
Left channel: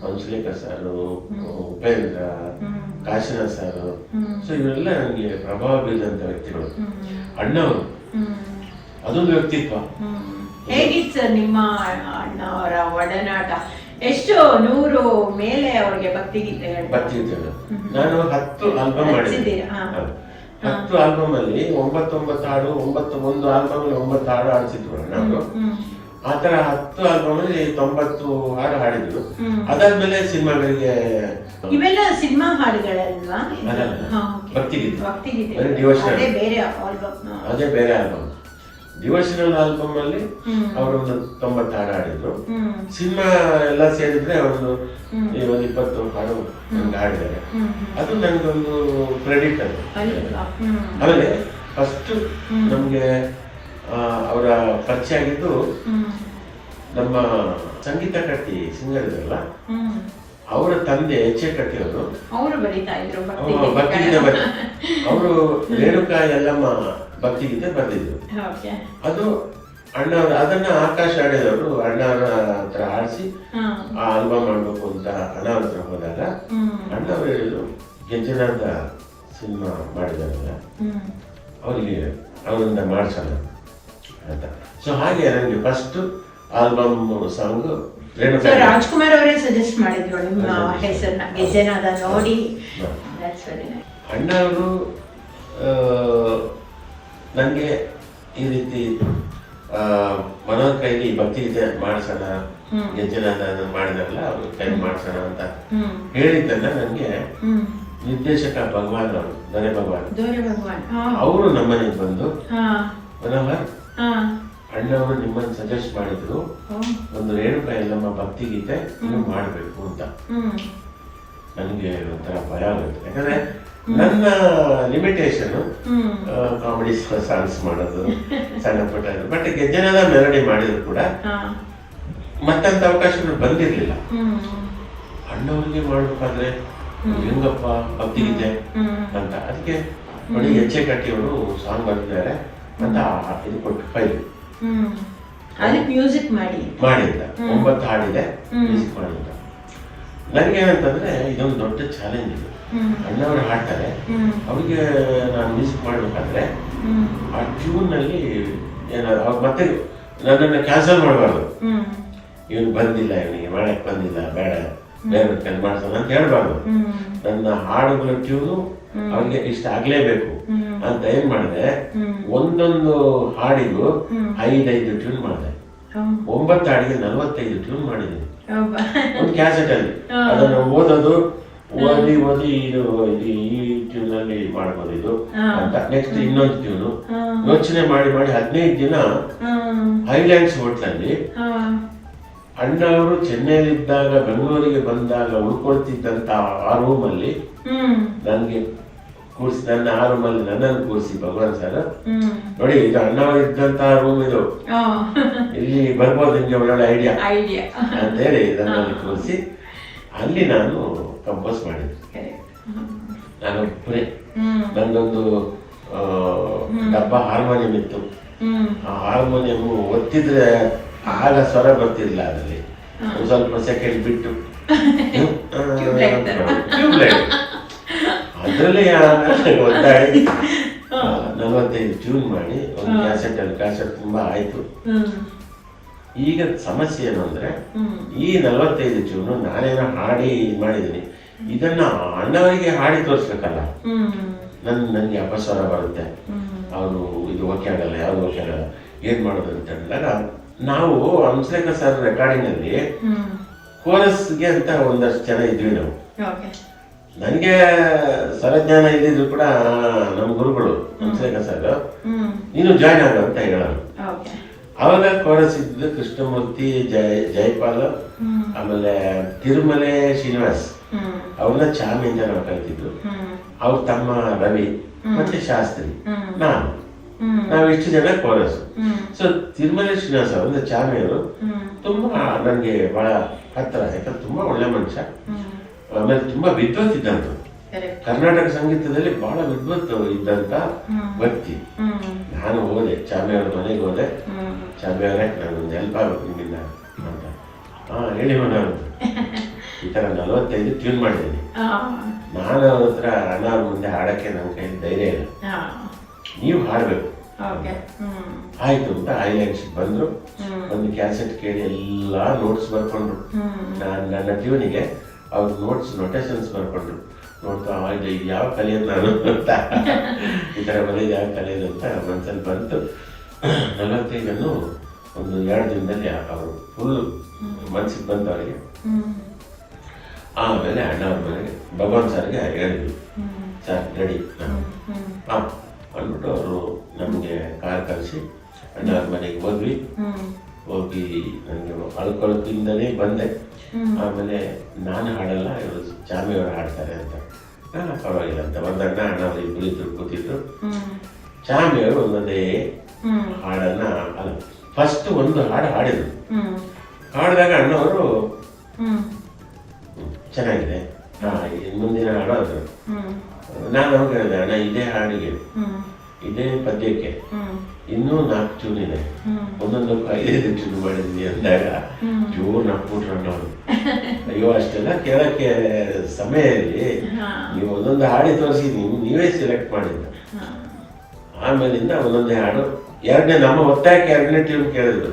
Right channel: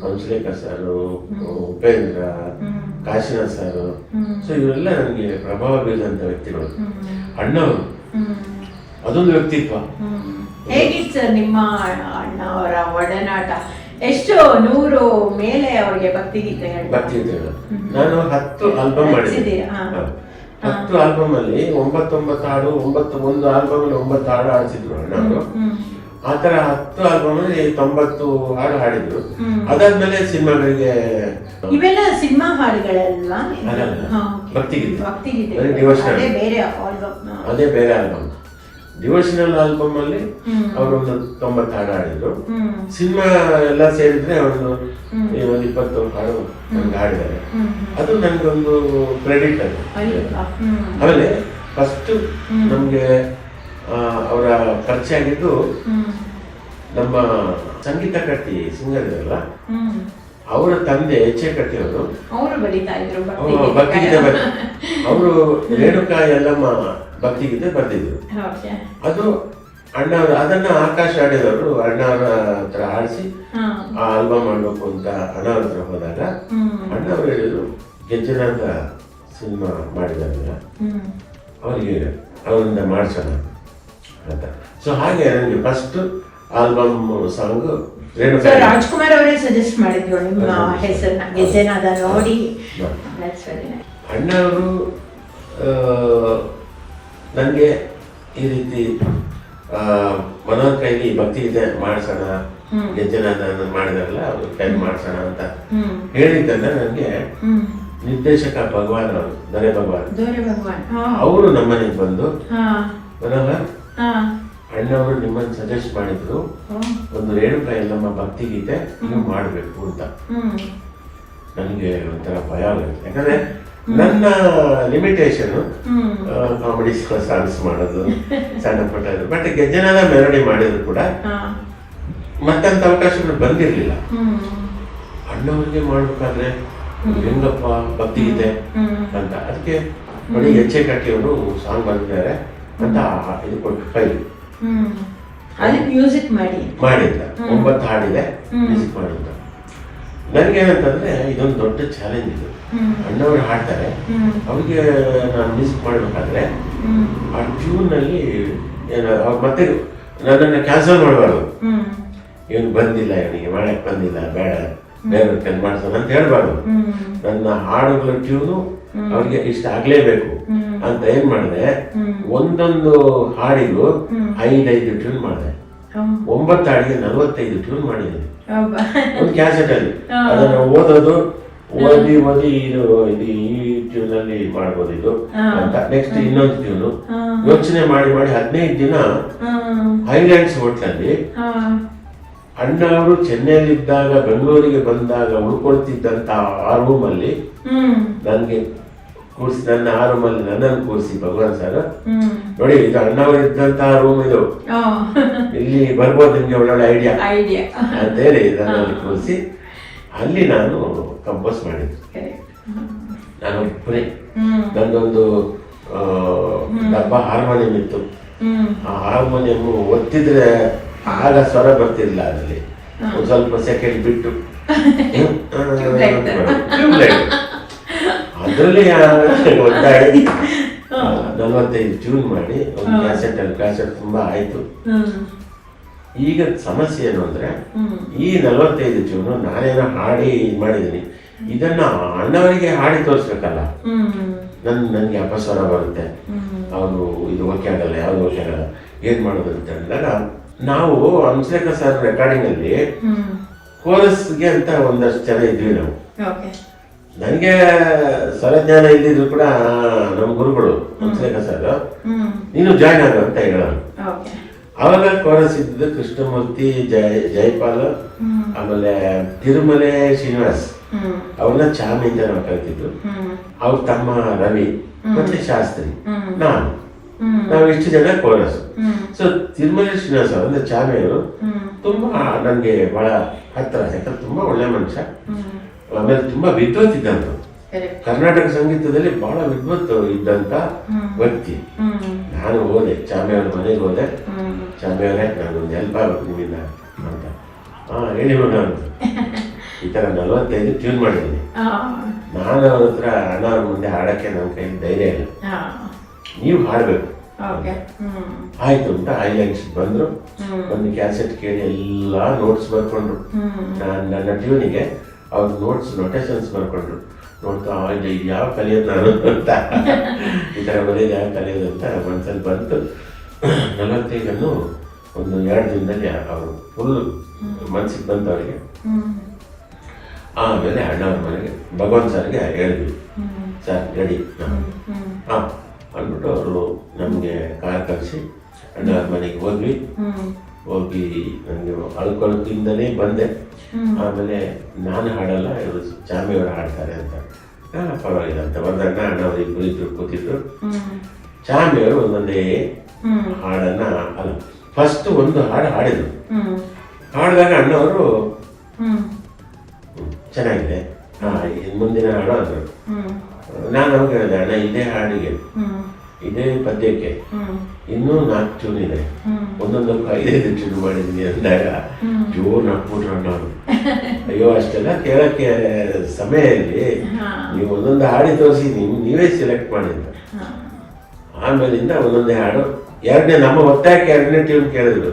Hamsalekha sir, Upendra, Kashinath sir. So ಇವರೆಲ್ಲ ನನಗೆ ಪ್ರಭಾವ ಬೀರಿದಂತ ವ್ಯಕ್ತಿಗಳು. ಅಣ್ಣವರು ಅದೊಂದು ವ್ಯಕ್ತಿತ್ವ. ಹೇಗಿತ್ತು ಸರ್ ನಿಮ್ಮ ಅಣ್ಣವರ ಒಡನಾಟ? ಎಷ್ಟು 100 ಮೇಲೆ ಅವರಿಗೆ ಭಕ್ತಿಗೀತೆಗಳು? ನಾನು 10 ಆಲ್ಬಮ್ ಮಾಡಿದ್ದೆ. 10 ಆಲ್ಬಮ್ ಅಲ್ಲಿ 9 ಹಾಡು, ಒಂದು ಆಲ್ಬಮ್ ಅಲ್ಲಿ 9 ಹಾಡು ಹಾಡ್ತಿದ್ರು ಅಣ್ಣವರು. ಆ ತರ 10 ಆಲ್ಬಮ್ ಅಲ್ಲಿ 90 ಹಾಡು ಹಾಡಿದ್ರು. ಅದಾದ್ಮೇಲೆ ಸಿನಿಮಾಗಳಿಗೆ ಇವೆಲ್ಲ ಸಿನಿಮಾ ಹಾಡುಗಳಲ್ವಾ? ಭಕ್ತಿಗೀತೆ, ಅದೇ ಬೇರೆ ಆಲ್ಬಮ್. ಡಿವೋಷನಲ್ ಆಲ್ಬಮ್ ಅಲ್ಲಿ ಅವರು ಒಂದು 90 ಹಾಡು ಹಾಡಿದ್ರು. ಸಿನಿಮಾ ಎಲ್ಲ ಸೇರಿದ್ರೆ ಅವರು 20 ಹಾಡು ಹಾಡಿದ್ದಾರೆ. ಅದು ನನಗೊಂದು ಕ್ರೆಡಿಟ್ ಅದು. ಆಮೇಲೆ ಫಸ್ಟ್ ನಮ್ಗೆ ಅವರ ಪರಿಚಯ ಆಗಿದ್ದು ನಮ್ಮ ಸಂಗೀತ ಕಟ್ಟಿ ಸಿಂಗರ್ ಇರಲ್ಲ, ಅವರ ತಂದೆ ಎಚ್ ಎ ಕಟ್ಟಿ ಅವರು ಭಕ್ತಿಗೀತೆ ಅವರು ರೇಣುಕಾ ಯಲ್ಲಮ್ಮ ಭಕ್ತಿಗೀತೆ ಬರ್ದಿದ್ರು. ಅದು ಅಣ್ಣ ಅದನ್ನ ಆಕಾಶ್ ಆಡಿದವರು ಅಣ್ಣವರ ಹತ್ರ ಆಡಿಸಿ ಆ ಆಲ್ಬಮ್ ಮಾಡ್ಬೇಕು ಅಂತ ಅಣ್ಣವ್ರ ಹತ್ರ ಹೋದಾಗ ಅಣ್ಣವ್ರು ಹೇಳಿದ್ರು ಗೆಜ್ಜನಾದ ಸಿನಿಮಾ ಮಾಡಿದಾರಲ್ಲ ಅವರಿಗೆ ಅವರಿಂದ ಮಾಡಿಸೋಣ ಅಂತ. ಸೊ ಹಾಗೆ ನನಗೆ ಫಸ್ಟ್ ಆಲ್ಬಮ್ ಸಾಂಗ್ ರಾಜ್ಕುಮಾರ್ ಅವರೇ ಸಜೆಸ್ಟ್ ಮಾಡಿದ್ರು ನಿಮ್ಮ ಹೆಸರನ್ನ ಗೆಜ್ಜೆನಾದ ನೋಡಿ. ಅಣ್ಣವರು ನನಗೆ ಈ ರೀತಿ ಮನೋಹರ್ ಕೈಲಿ ಭಕ್ತಿಗೀತೆ ಮಾಡ್ಸೋಣ, ಗೆಜ್ಜೆನಾದ ಮಾಡಿದಾರಲ್ಲ ಅವ್ರು ಕೈ ಮಾಡ್ಸೋಣ ಅಂತ ಹೇಳಿದ್ದನ್ನ ನನಗೆ ನಿರ್ದೇಶಕ ಭಗವಾನ್ ಅವರು, ದೊರೆ ಭಗವಾನ್ ಅವರು ನಮ್ಮನೆಗೆ ಬಂದು ಮನೋಹರ್ ಅಣ್ಣವರು ನಿಮ್ಮನ್ನು ಸಜೆಸ್ಟ್ ಮಾಡಿದ್ರು ಒಂದು ರೇಣುಕಾ ಯಲ್ಲಮ್ಮ ಭಕ್ತಿಗೀತೆ ನೀವು ಮಾಡಬೇಕು ಅಂತ. ನನಗೆ ಒಂಥರ ಭಯ ಆಗುತ್ತೆ, ಯಾಕಂದ್ರೆ ನನ್ನ ಲಿಮಿಟೇಷನ್ ಕಾಮಿಡಿ ಸಾಂಗ್ಸ್ ಮಾಡೋದು ಸಣ್ಣ ಪುಟ್ಟ. ಬಟ್ ಗೆಜ್ಜೆನಾದ ಮೆಲೋಡಿ ಮಾಡಿದ್ರು ಕೂಡ ಮತ್ತಂತ ಅವಕಾಶಗಳು ಬಂದಿರ್ಲಿಲ್ಲ. ಅಣ್ಣವರಿಗೆ ಮಾಡ್ಬೇಕಾದ್ರೆ ಹೆಂಗಪ್ಪ ಭಕ್ತಿಗೀತೆ ಅಂತ, ಅದಕ್ಕೆ ನೋಡಿ ಎಚ್ ಎ ಕಟ್ಟಿ ಅವರು ಸಾಂಗ್ ಬಂದಿದ್ದಾರೆ ಅಂತ ಇದು ಕೊಟ್ಟು ಫೈಲ್ ಮ್ಯೂಸಿಕ್ ಮಾಡಿದ್ದ 9 ಹಾಡಿದೆ ಮ್ಯೂಸಿಕ್ ಮಾಡಿದ್ದ. ನನ್ಗೇನಂತಂದ್ರೆ ಇದೊಂದು ದೊಡ್ಡ ಚಾಲೆಂಜ್ ಇದೆ. ಅಣ್ಣವರು ಹಾಡ್ತಾರೆ, ಅವ್ರಿಗೆ ನಾನು ಮ್ಯೂಸಿಕ್ ಮಾಡ್ಬೇಕಾದ್ರೆ ಆ ಟ್ಯೂನ್ ನಲ್ಲಿ ಮತ್ತೆ ನನ್ನನ್ನು ಕ್ಯಾನ್ಸಲ್ ಮಾಡಬಾರ್ದು. ಇವನು ಬಂದಿಲ್ಲ, ಇವನಿಗೆ ಮಾಡಕ್ ಬಂದಿಲ್ಲ, ಬೇಡ ಬೇರೆ ಕೆಲ್ ಮಾಡ್ಸೋಣ ಅಂತ ಹೇಳ್ಬಾರ್ದು. ನನ್ನ ಹಾಡುಗಳ ಟ್ಯೂನು ಅವ್ರಿಗೆ ಇಷ್ಟ ಆಗ್ಲೇಬೇಕು ಅಂತ ಏನ್ ಮಾಡಿದೆ, ಒಂದೊಂದು ಹಾಡಿಗೂ 5 ಟ್ಯೂನ್ ಮಾಡಿದೆ. 9 ಹಾಡಿಗೆ 45 ಟ್ಯೂನ್ ಮಾಡಿದೆ ಒಂದು ಕ್ಯಾಸೆಟ್ ಅಲ್ಲಿ. ಅದನ್ನ ಓದಿ ಇದು ಈ ಟ್ಯೂನ್ ಅಲ್ಲಿ ಮಾಡ್ಬೋದು ಇದು ಅಂತ. ನೆಕ್ಸ್ಟ್ ಇನ್ನೊಂದು ಟ್ಯೂನು ಯೋಚನೆ ಮಾಡಿ 15 ದಿನ ಹೈಲ್ಯಾಂಡ್ಸ್ ಹೋಟ್ಲಲ್ಲಿ ಅಣ್ಣ ಅವರು ಚೆನ್ನೈಲಿದ್ದಾಗ ಬೆಂಗಳೂರಿಗೆ ಬಂದಾಗ ಉಳ್ಕೊಳ್ತಿದ್ದಂತ ಆ ರೂಮ್ ಅಲ್ಲಿ ನನ್ಗೆ ಕೂರಿಸಿ, ನನ್ನ ಆ ರೂಮ್ ಅಲ್ಲಿ ನನ್ನನ್ನು ಕೂರಿಸಿ ಭಗವಾನ್ ಸರ್ ನೋಡಿ ಈಗ ಅಣ್ಣವರು ಇದ್ದಂತಹ ರೂಮ್ ಇದು, ಇಲ್ಲಿ ಬರ್ಬೋದು ನಿಮ್ಗೆ ಒಳ್ಳೊಳ್ಳೆ ಐಡಿಯಾ ಅಂತ ಹೇಳಿ ನನ್ನಲ್ಲಿ ಕೂರಿಸಿ ಅಲ್ಲಿ ನಾನು ಕಂಪೋಸ್ ಮಾಡಿದ್ದೆ. ನಾನು ಪುರಿ ನನ್ನೊಂದು ಡಬ್ಬ ಹಾರ್ಮೋನಿಯಂ ಇತ್ತು. ಆ ಹಾರ್ಮೋನಿಯಂ ಒತ್ತಿದ್ರೆ ಆಗ ಸ್ವರ ಬರ್ತಿರ್ಲಿಲ್ಲ, ಅದರಲ್ಲಿ ಒಂದು ಸ್ವಲ್ಪ ಸೆಕೆಂಡ್ ಬಿಟ್ಟು ಅದರಲ್ಲಿ 45 ಟ್ಯೂನ್ ಮಾಡಿ ಒಂದು ಕ್ಯಾಸೆಟ್ ತುಂಬಾ ಆಯ್ತು. ಈಗ ಸಮಸ್ಯೆ ಏನು ಅಂದ್ರೆ ಈ 45 ಟ್ಯೂನು ನಾನೇನೋ ಹಾಡಿ ಮಾಡಿದೀನಿ, ಇದನ್ನ ಅಣ್ಣವರಿಗೆ ಹಾಡಿ ತೋರಿಸ್ಬೇಕಲ್ಲ. ನನ್ಗೆ ಅಪಸ್ವರ ಬರುತ್ತೆ, ಅವನು ಇದು ಓಕೆ ಆಗಲ್ಲ, ಯಾವ್ದು ಓಕೆ ಆಗಲ್ಲ, ಏನ್ ಮಾಡೋದು ಅಂತ ಹೇಳಿದಾಗ ನಾವು ಹಂಸಲೇಖ ಸರ್ ರೆಕಾರ್ಡಿಂಗ್ ಅಲ್ಲಿ ಕೋರಸ್ಗೆ ಅಂತ ಒಂದಷ್ಟು ಜನ ಇದ್ವಿ ನಾವು. ನನಗೆ ಸ್ವರಜ್ಞಾನ ಇದ್ದಿದ್ರು ಕೂಡ ನಮ್ಮ ಗುರುಗಳು ಹಂಸಲೇಖ ಸರ್ ನೀನು ಜಾಯ್ನ್ ಆಗ ಅಂತ ಹೇಳೋರು. ಅವಾಗ ಕೋರಸ್ ಇದ್ದಿದ್ದು ಕೃಷ್ಣಮೂರ್ತಿ, ಜೈಪಾಲ್, ಆಮೇಲೆ ತಿರುಮಲೆ ಶ್ರೀನಿವಾಸ್, ಅವ್ರನ್ನ ಚಾಮಿಯಿಂದ ನಾವು ಕಲ್ತಿದ್ರು. ಅವ್ರ ತಮ್ಮ ರವಿ ಮತ್ತೆ ಶಾಸ್ತ್ರಿ, ನಾವು ಇಷ್ಟು ಜನ ಕೋರಸ್. ಸೊ ತಿರುಮಲೆ ಶ್ರೀನಿವಾಸ್ ಅವರ ಚಾಮಿಯವರು ತುಂಬಾ ನನ್ಗೆ ಬಹಳ ಹತ್ತಿರ, ಯಾಕಂದ್ರೆ ತುಂಬಾ ಒಳ್ಳೆ ಮನುಷ್ಯ. ಆಮೇಲೆ ತುಂಬಾ ವಿದ್ವತ್ ಇದ್ದಂತ, ಕರ್ನಾಟಕ ಸಂಗೀತದಲ್ಲಿ ಬಹಳ ವಿದ್ವತ್ ಇದ್ದಂತ ವ್ಯಕ್ತಿ. ನಾನು ಹೋದೆ ಚಾಮಿಯವರ ಮನೆಗೆ ಹೋದೆ, ಚಾಮಿಯವರೇ ನಾನು ಒಂದು ಹೆಲ್ಪ್ ಆಗ್ಬೇಕು ನಿಮ್ಮಿಂದ ಅಂತ. ಹೇಳಿ ಹೋಗ ಅಂತ, ಈ ತರ 45 ಟ್ಯೂನ್ ಮಾಡಿದ್ದೀನಿ. ನಾನು ಅವ್ರ ಹತ್ರ ಅಣ್ಣವ್ರ ಮುಂದೆ ಹಾಡಕ್ಕೆ ನಮ್ಮ ಕೈಲಿ ಧೈರ್ಯ ಇಲ್ಲ, ನೀವು ಹಾಡ್ಬೇಕು ಆಯ್ತು ಅಂತ ಐಲ್ಯಾಂಡ್ಸ್ ಬಂದ್ರು. ಒಂದು ಕ್ಯಾಸೆಟ್ ಕೇಳಿ ಎಲ್ಲಾ ನೋಟ್ಸ್ ಬರ್ಕೊಂಡ್ರು. ನಾನು ನನ್ನ ಟ್ಯೂನಿಗೆ ಅವ್ರ ನೋಟ್ಸ್ ನೊಟೇಷನ್ಸ್ ಬರ್ಕೊಂಡ್ರು. ನೋಡ್ತಾ ಯಾವ ಕಲಿಯೋದು ನಾನು ಅಂತ ತಲೆದು ಅಂತ ಮನ್ಸಲ್ಲಿ ಬಂತು. 45 ಒಂದು 2 ದಿನದಲ್ಲಿ ಅವರು ಫುಲ್ ಮನ್ಸಿಗೆ ಬಂತು ಅವರಿಗೆ. ಆಮೇಲೆ ಅಣ್ಣವ್ರ ಮನೆಗೆ ಭಗವಂತ ಸರ್ಗೆ ಹೇಳಿದ್ವಿ, ಸರ್ ರೆಡಿ ಹಾಂ ಅಂದ್ಬಿಟ್ಟು ಅವರು ನಮಗೆ ಕಾರ್ ಕಳಿಸಿ ಅಣ್ಣವ್ರ ಮನೆಗೆ ಹೋಗಿ ನನಗೆ ಅಳ್ಕೊಳಕ್ಕಿಂದಲೇ ಬಂದೆ. ಆಮೇಲೆ ನಾನು ಹಾಡಲ್ಲ, ಇವರು ಚಾಮಿಯವರು ಹಾಡ್ತಾರೆ ಅಂತ. ಪರವಾಗಿಲ್ಲ ಅಂತ ಬಂದಣ್ಣ ಅಣ್ಣವ್ರು ಇಬ್ಬರು ಕೂತಿದ್ರು. ಚಾಮಿಯವರು ಒಂದೊಂದೇ ಹಾಡನ್ನ ಅಲ್ಲ ಫಸ್ಟ್ ಒಂದು ಹಾಡು ಹಾಡಿದ್ರು. ಹಾಡಿದಾಗ ಅಣ್ಣವರು ಚೆನ್ನಾಗಿದೆ ಮುಂದಿನ ಹಾಡು ಅಂದರು. ನಾನು ಅವ್ರು ಹೇಳಿದೆ, ಅಣ್ಣ ಇದೇ ಹಾಡಿಗೆ ಇದೇ ಪದ್ಯಕ್ಕೆ ಇನ್ನೂ 4 ಟ್ಯೂನ್ ಇದೆ, ಒಂದೊಂದಕ್ಕೂ 5-5 ಟ್ಯೂನ್ ಮಾಡಿದ್ದೀನಿ ಅಂದಾಗ ಜೋರು ನಕ್ಬಿಟ್ರು ಅಣ್ಣವರು. ಅಯ್ಯೋ ಅಷ್ಟೆಲ್ಲ ಕೇಳಕ್ಕೆ ಸಮಯಲ್ಲಿ ನೀವು ಒಂದೊಂದು ಹಾಡಿ ತೋರಿಸಿ ನೀವೇ ಸೆಲೆಕ್ಟ್ ಮಾಡಿದ್ರು. ಆಮೇಲಿಂದ ಒಂದೊಂದೇ ಹಾಡು ನಮ್ಮ ಒತ್ತಾಯಕ್ಕೆ 2ನೇ ಟ್ಯೂನ್ ಕೇಳಿದ್ರು.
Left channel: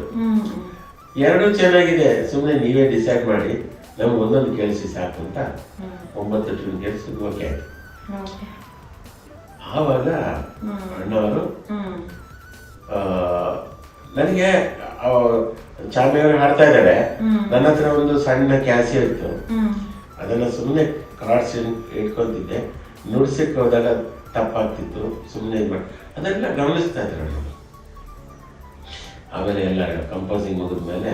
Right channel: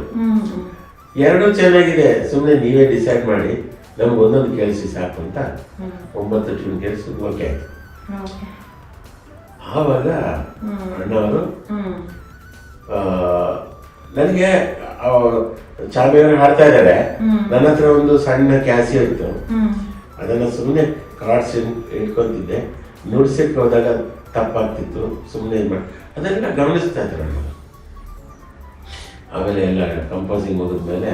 2 ಚೆನ್ನಾಗಿದೆ, ಸುಮ್ಮನೆ ನೀವೇ ಡಿಸೈಡ್ ಮಾಡಿ ನಮ್ಗೆ ಒಂದೊಂದು ಕೇಳಿಸಿ ಸಾಕು ಅಂತ 9 ಟ್ಯೂನ್ ಕೇಳಿಸಿದ್ರು. ಓಕೆ. ಆವಾಗ ಅಣ್ಣವರು ನನಗೆ ಚಾಮಿಯವರು ಹಾಡ್ತಾ ಇದ್ದಾರೆ, ನನ್ನ ಹತ್ರ ಒಂದು ಸಣ್ಣ ಕ್ಯಾಸಿಯೋ ಇತ್ತು, ಅದನ್ನ ಸುಮ್ಮನೆ ಕಾರ್ಡ್ಸ್ ಇಟ್ಕೊಂತಿದ್ದೆ. ನುಡ್ಸಕ್ಕೆ ಹೋದಾಗ ತಪ್ಪಾಗ್ತಿತ್ತು, ಸುಮ್ಮನೆ ಅದೆಲ್ಲ ಗಮನಿಸ್ತಾ ಇದ್ರು ಅಣ್ಣ. ಆಮೇಲೆ ಎಲ್ಲ ಕಂಪೋಸಿಂಗ್ ಮುಗಿದ್ಮೇಲೆ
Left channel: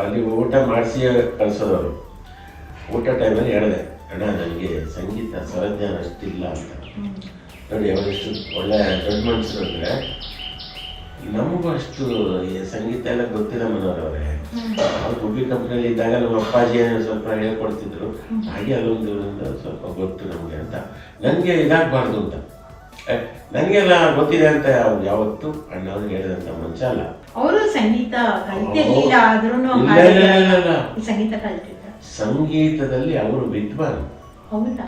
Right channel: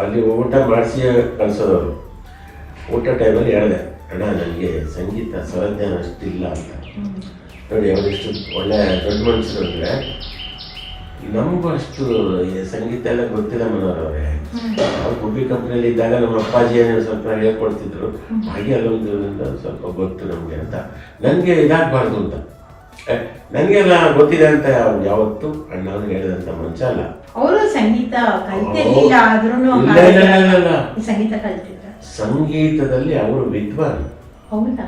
ಅಲ್ಲಿ ಊಟ ಮಾಡಿಸಿ ಕಳ್ಸೋದವರು. ಊಟ ಟೈಮಲ್ಲಿ ಹೇಳಿದೆ, ಅಣ್ಣ ನನಗೆ ಸಂಗೀತ ಸ್ವರಜ್ಞಾನ ಅಷ್ಟಿಲ್ಲ ಅಂತ. ನೋಡಿ ಅವರಿಷ್ಟು ಒಳ್ಳೆ ದೊಡ್ಡ ಮನುಷ್ಯರು ಅಂದರೆ ನಮಗೂ ಅಷ್ಟು ಸಂಗೀತ ಎಲ್ಲ ಗೊತ್ತಿಲ್ಲ ಮನೋರವ್ರೆ. ಅವ್ರು ಗುಬ್ಬಿ ಕಂಪ್ನಿಯಲ್ಲಿ ಇದ್ದಾಗ ನಮ್ಮ ಅಪ್ಪಾಜಿಯನ್ನು ಸ್ವಲ್ಪ ಹೇಳ್ಕೊಡ್ತಿದ್ರು, ಹಾಗೆ ಅಲ್ಲೊಂದು ಸ್ವಲ್ಪ ಗೊತ್ತು ನಮಗೆ ಅಂತ. ನನಗೆ ಇದಾಗಬಾರ್ದು ಅಂತ, ನನಗೆಲ್ಲ ಗೊತ್ತಿದೆ ಅಂತ ಯಾವತ್ತು ಅಣ್ಣವರು ಹೇಳಿದಂತ ಮಂಚ ಅಲ್ಲ. ಅವರು ಸಂಗೀತ ಕಲ್ತಿರ್ಲಿಲ್ಲ, ಆದ್ರೂ ಸಂಗೀತ ಕಲ್ತಿದ್ದ. ಸಂಗೀತದಲ್ಲಿ ಅವರು ವಿದ್ವಾನ್. ಹೌದಾ?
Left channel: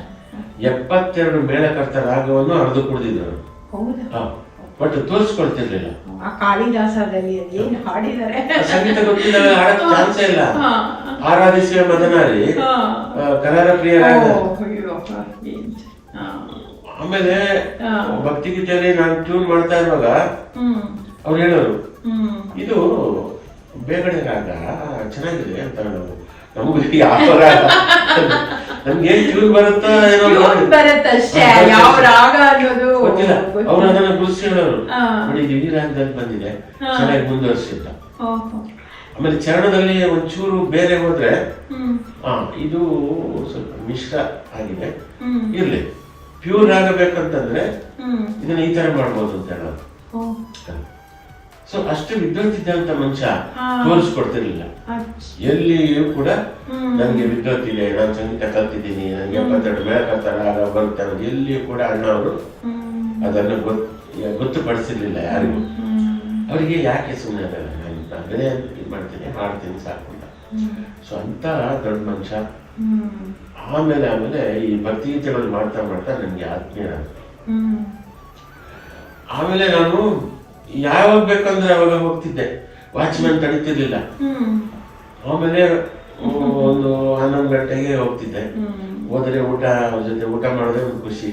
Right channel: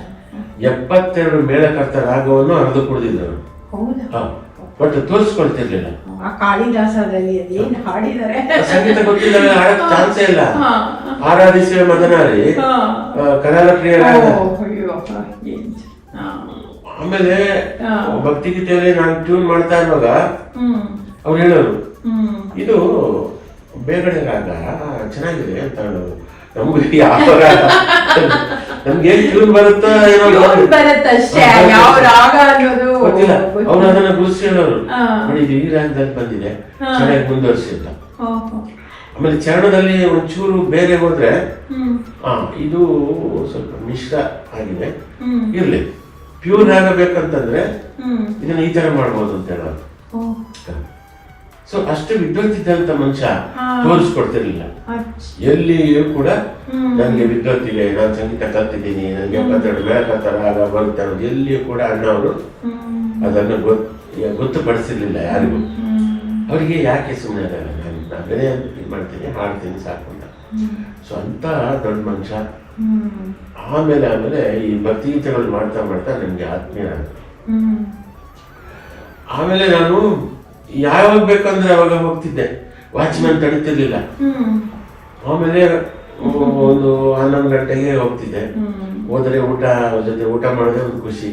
72 ಮೇಳಕರ್ತ ರಾಗವನ್ನು ಅರ್ಧ ಕುಡಿದಿದ್ದರು. ಹೌದಾ? ಬಟ್ ತೋರಿಸ್ಕೊಳ್ತಿರ್ಲಿಲ್ಲ. ಆ ಕಾಳಿದಾಸದಲ್ಲಿ ಏನು ಹಾಡಿದ್ದಾರೆ ಸಂಗೀತ ಗೊತ್ತಿಲ್ಲ, ಹಾಡಕ್ ಚಾನ್ಸೇ ಇಲ್ಲ. ಆರಾಧಿಸುವ ಮದನಾರಿ ಕರಾಳ ಪ್ರಿಯ. ಆಮೇಲೆ ಭಕ್ತಿಗೀತೆಯಲ್ಲಿ ನಾನು ಟ್ಯೂನ್ ಮಾಡ್ತಾ ಇರುವಾಗ ಅವ್ರು ಹೇಳೋರು, ಇದು ಬೇಗಡೆ ರಾಗ ಚೆನ್ನಾಗಿದೆ ಅಂತ ಹೇಳೋರು. ನಮ್ಗೆ ನಮ್ಗೆ ಏನ್ ಟ್ಯೂನ್ ಬರುತ್ತೋ ಗೊತ್ತಿಲ್ಲ. ಅವ್ರು ಅದನ್ನ ಗುರುಸಿ ಹೇಳೋರು, ನೋಡಿ ಈ ರಾಗದಲ್ಲಿ ಬಂದಿದೆ, ಚೆನ್ನಾಗಿ ಮುಂದುವರಿಸಿ ಅಂತ. ಆಮೇಲೆ ಚರಣದಲ್ಲಿ ಒಂಚೂರು ಬೇರೆ ಹೋದ್ರೆ ಇದು ಸ್ವಲ್ಪ ಮಿಶ್ರ ಆಗಿದೆ, ಇರ್ಲಿ ಪ್ಯೂರ್ ಆಗಬೇಕಂತಂದ್ರೆ ಇದನ್ನ ಈ ತರ ಮಾಡ್ಬೋದು ಅಂತ ಹೇಳೋರು. ಸೊ ಅಷ್ಟು ವಿದ್ವತ್ತಿದ್ದಂತ ಮನುಷ್ಯ ತೋರಿಸ್ಕೊಡ್ತಿರ್ಲಿಲ್ಲ. ಎಲ್ಲಿಯೂ ಕೂಡ ನನ್ಗೆ ವಿದ್ವತ್ತಿದೆ, ನಾನು ಸಂಗೀತ ಕಲ್ತಿದ್ದೀನಿ, ನನಗೆ 72 ಮೇಳಕರ್ತ ರಾಗ ಬರುತ್ತೆ ಅನ್ನೋದು ಎಲ್ಲಿಯೂ ಕೂಡ ಅಣ್ಣ ಅವರು ಅದನ್ನು ಗೊತ್ತುಪಡಿಸಿರ್ಲಿಲ್ಲ ಯಾರಿಗೂ. ಅವರಿಗೆ ಯಾಕೆ ಸುಮ್ಮನೆ ನಾನೇ ಇದು ಮಾಡ್ತೀನಿ, ಹಾಡ್ತೀನಿ ಸಾಕು ಅಂತ. ಸೊ ಅಂತ ದೊಡ್ಡ ಮನುಷ್ಯ. ಆಮೇಲೆ ಈ ಭಕ್ತಿಗೀತೆಗಳು ಮಾಡ್ತಾ ಮಾಡ್ತಾ ನನಗೆ ಆತ್ಮೀಯ. ಆಮೇಲೆ ನಾನು ಯಾವಾಗ ಬೇಕಂದ್ರೆ ಅವಾಗ ಹೋಗ್ತಿದ್ದೆ, ವಾಚ್ಮ್ಯಾನ್ ತಡೀತಿರ್ಲಿಲ್ಲ. ಆಮೇಲೆ ಒಂದು 11 ಗಂಟೆಗೆ ಹೋಗ್ತಿದ್ದೆ. ಹೋದರೆ ಜೊತೆ ಊಟ ಮಾಡೋದೇ ಒಂದು ಖುಷಿ.